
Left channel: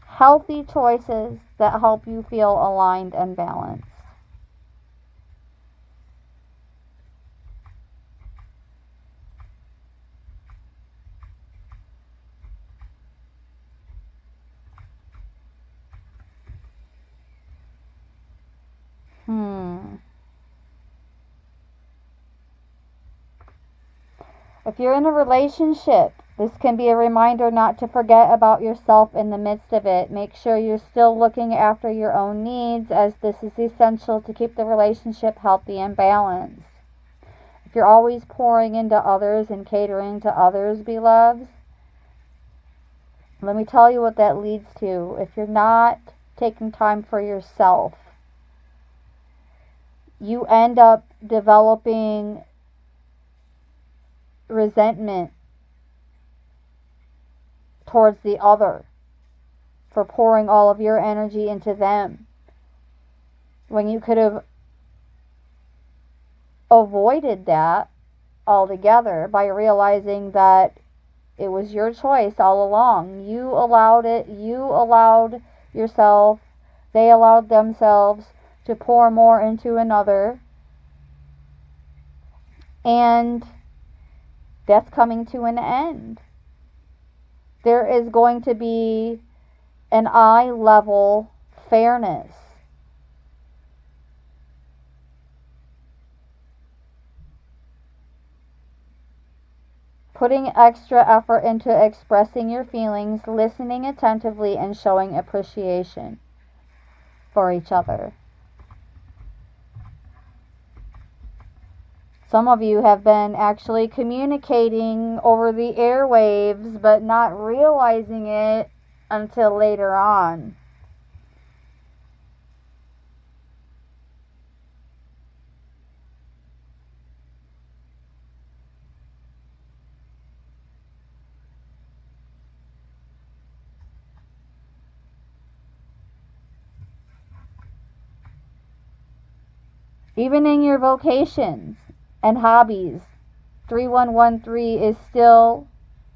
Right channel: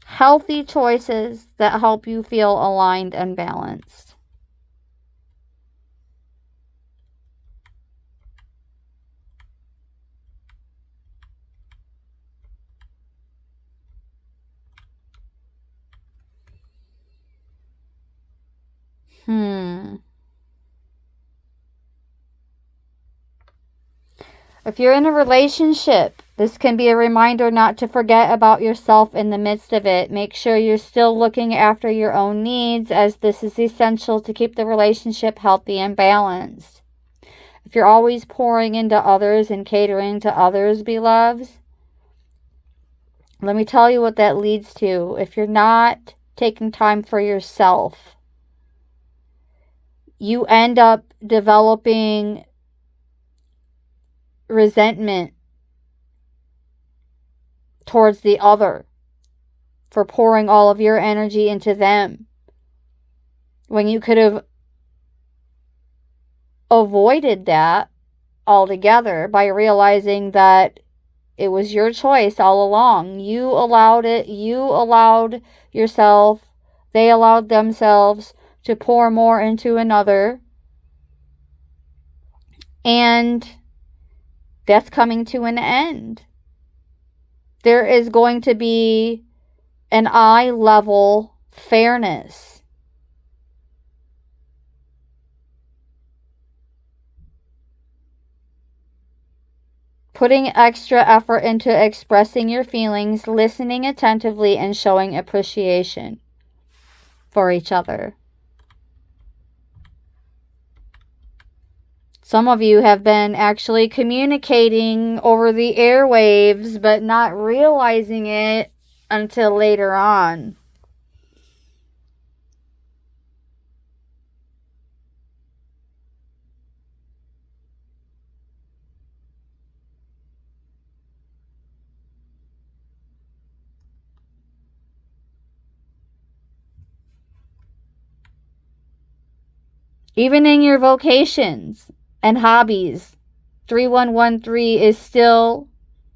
Healthy choices that help you feel aligned and balanced. If you're in a relationship, this can be a reminder not to forget about yourself in the midst of it. Make sure you're still looking after your own needs, as this is essential to keep the relationship healthy and balanced. If you're always pouring into others and catering to others, beloveds, let me tell you what that leads to. If you're not taking time for yourself, you end up developing resentment towards the other for pouring all of your energy into them, when you could have avoided that altogether by realizing that it was your choice all along. You allowed it. You allowed yourself. They allowed themselves to pour more into another. And that's coming to an end. there is going to be an eye level fairness. Putting extra effort into expressing your feelings, listening attentively, and showing appreciation for each other. Some of you have been actually communicating over the airwaves, but not realizing it until later on. Even in your vocations and hobbies, 3113 is still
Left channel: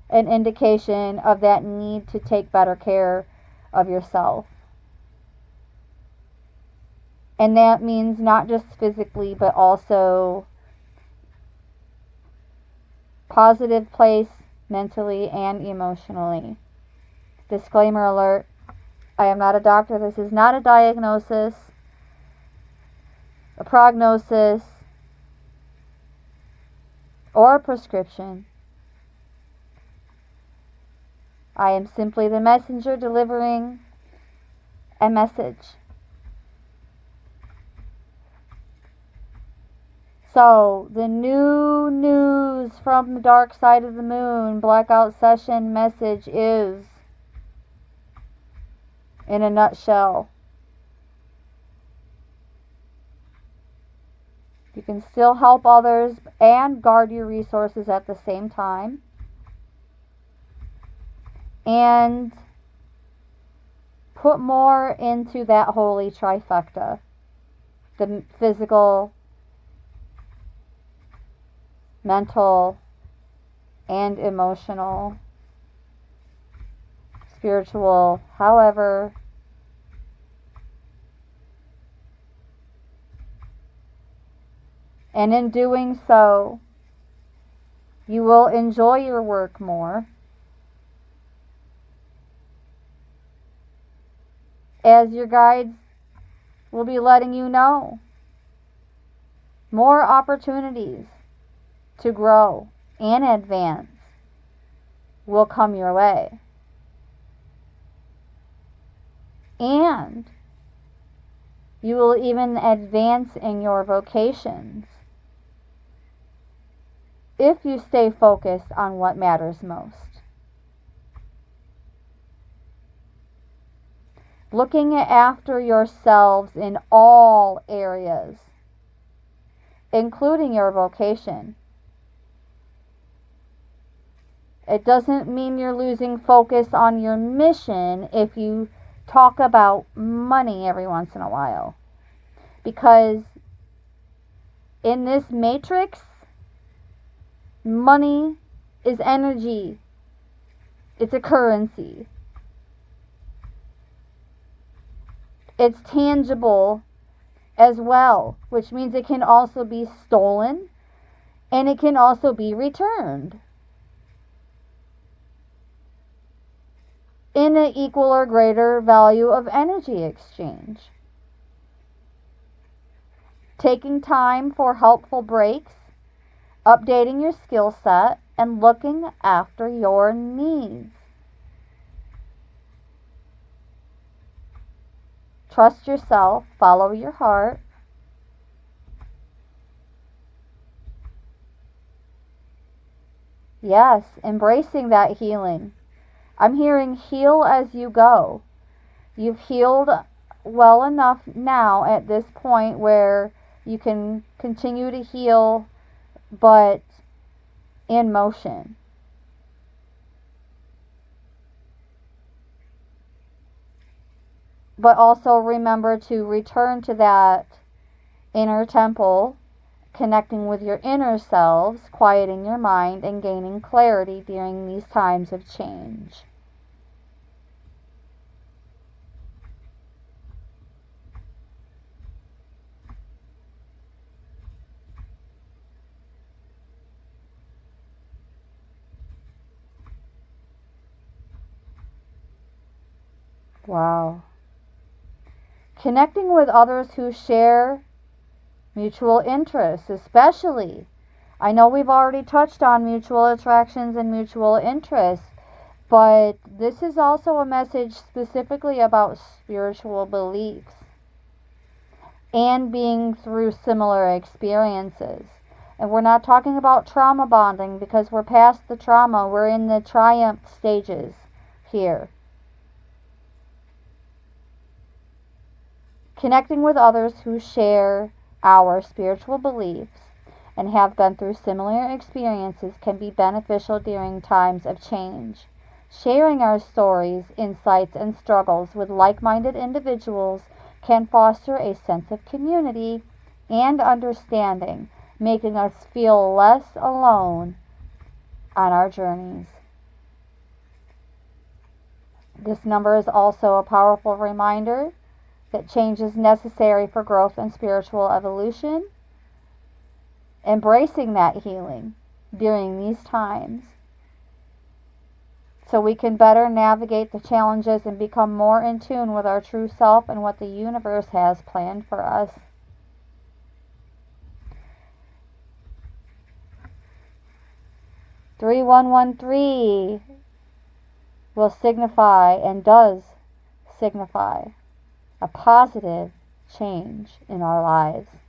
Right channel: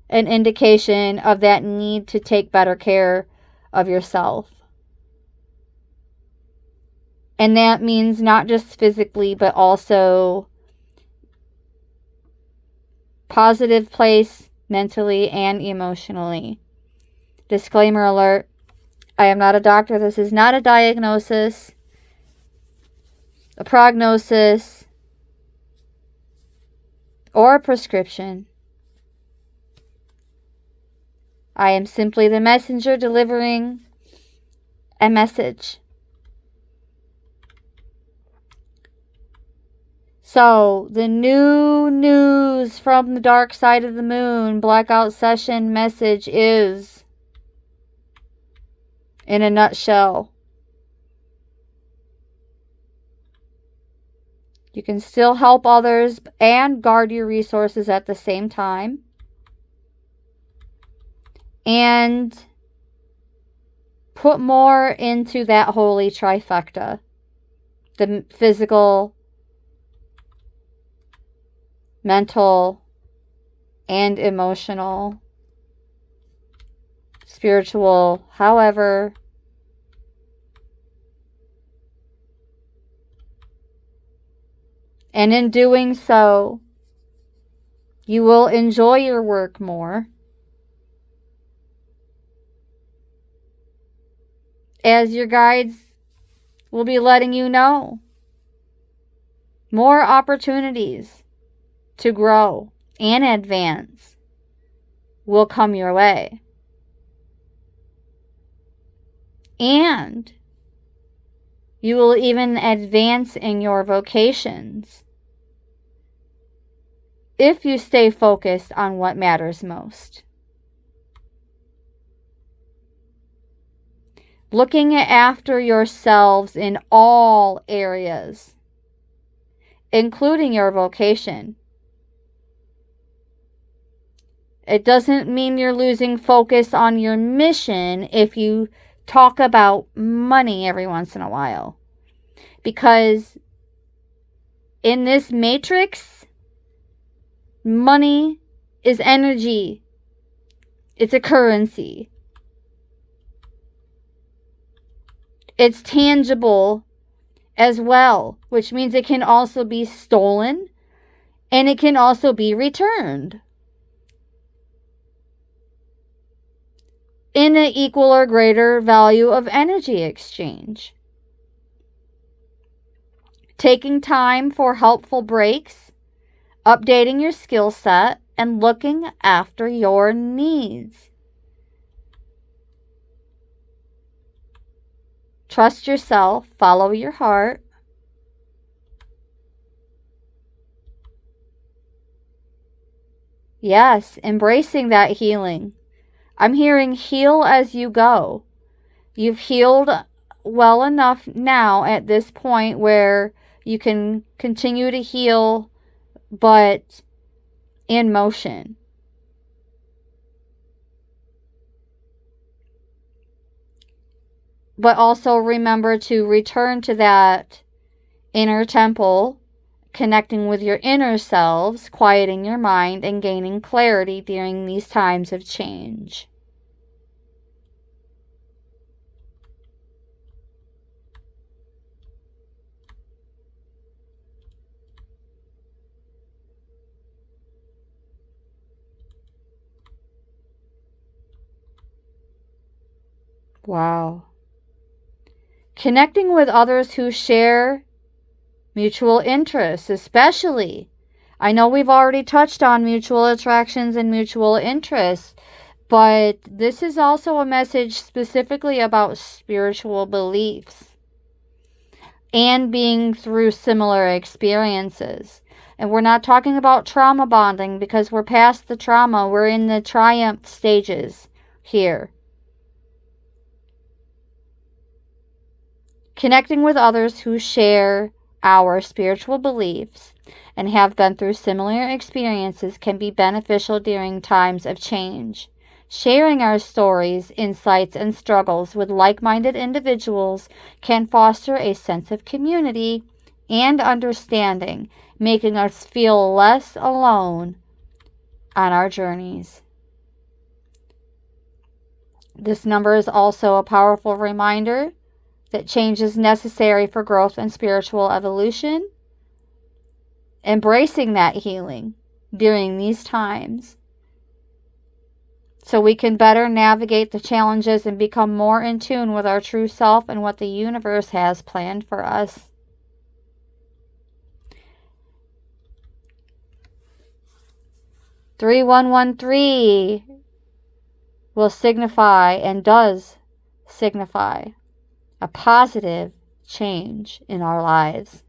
an indication of that need to take better care of yourself. And that means not just physically, but also positive place mentally and emotionally. Disclaimer alert, I am not a doctor. This is not a diagnosis, a prognosis, or a prescription. I am simply the messenger delivering a message. So, the new news from the dark side of the moon blackout session message is, in a nutshell, you can still help others and guard your resources at the same time. And put more into that holy trifecta. The physical, mental, and emotional, spiritual, however. And in doing so, you will enjoy your work more, as your guides will be letting you know. More opportunities to grow and advance will come your way. And you will even advance in your vocations if you stay focused on what matters most. Looking after yourselves in all areas, including your vocation. It doesn't mean you're losing focus on your mission if you talk about money every once in a while. Because in this matrix, money is energy. It's a currency. It's tangible as well, which means it can also be stolen and it can also be returned in an equal or greater value of energy exchange. Taking time for helpful breaks, updating your skill set, and looking after your needs. Trust yourself, follow your heart. Yes, embracing that healing. I'm hearing heal as you go. You've healed well enough now at this point where you can continue to heal, but in motion. But also remember to return to that inner temple, connecting with your inner selves, quieting your mind, and gaining clarity during these times of change. Wow. Connecting with others who share mutual interests, especially. I know we've already touched on mutual attractions and mutual interests, but this is also a message specifically about spiritual beliefs and being through similar experiences. And we're not talking about trauma bonding because we're past the trauma. We're in the triumph stages here. Connecting with others who share our spiritual beliefs and have been through similar experiences can be beneficial during times of change. Sharing our stories, insights, and struggles with like-minded individuals can foster a sense of community and understanding, making us feel less alone on our journeys. This number is also a powerful reminder that change is necessary for growth and spiritual evolution. Embracing that healing during these times so we can better navigate the challenges and become more in tune with our true self and what the universe has planned for us. "3113 will signify and does signify a positive change in our lives.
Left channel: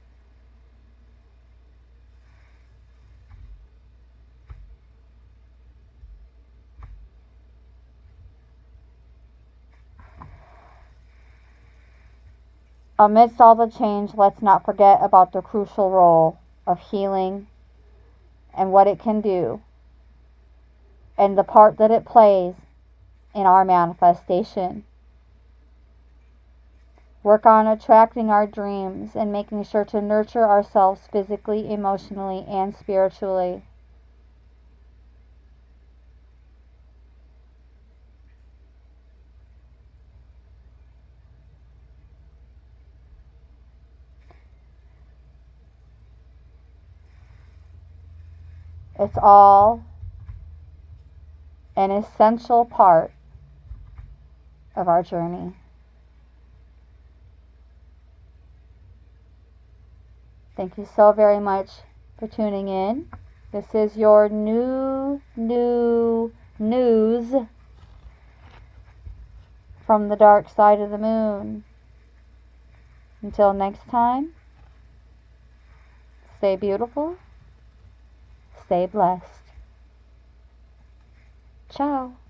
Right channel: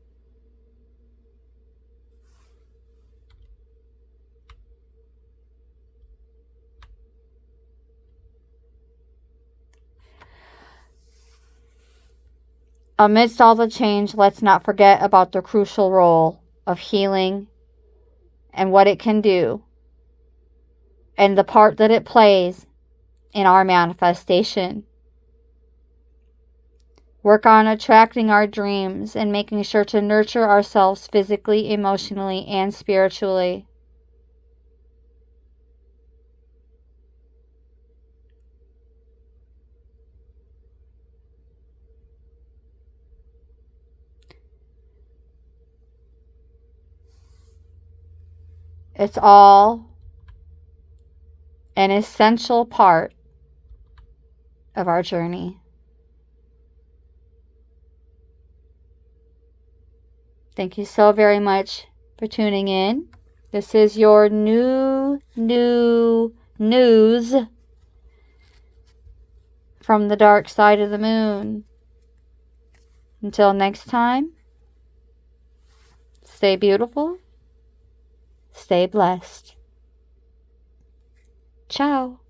Amidst all the change, let's not forget about the crucial role of healing and what it can do and the part that it plays in our manifestation. Work on attracting our dreams and making sure to nurture ourselves physically, emotionally, and spiritually. It's all an essential part of our journey. Thank you so very much for tuning in. This is your new news from the dark side of the moon. Until next time, stay beautiful, stay blessed. Ciao.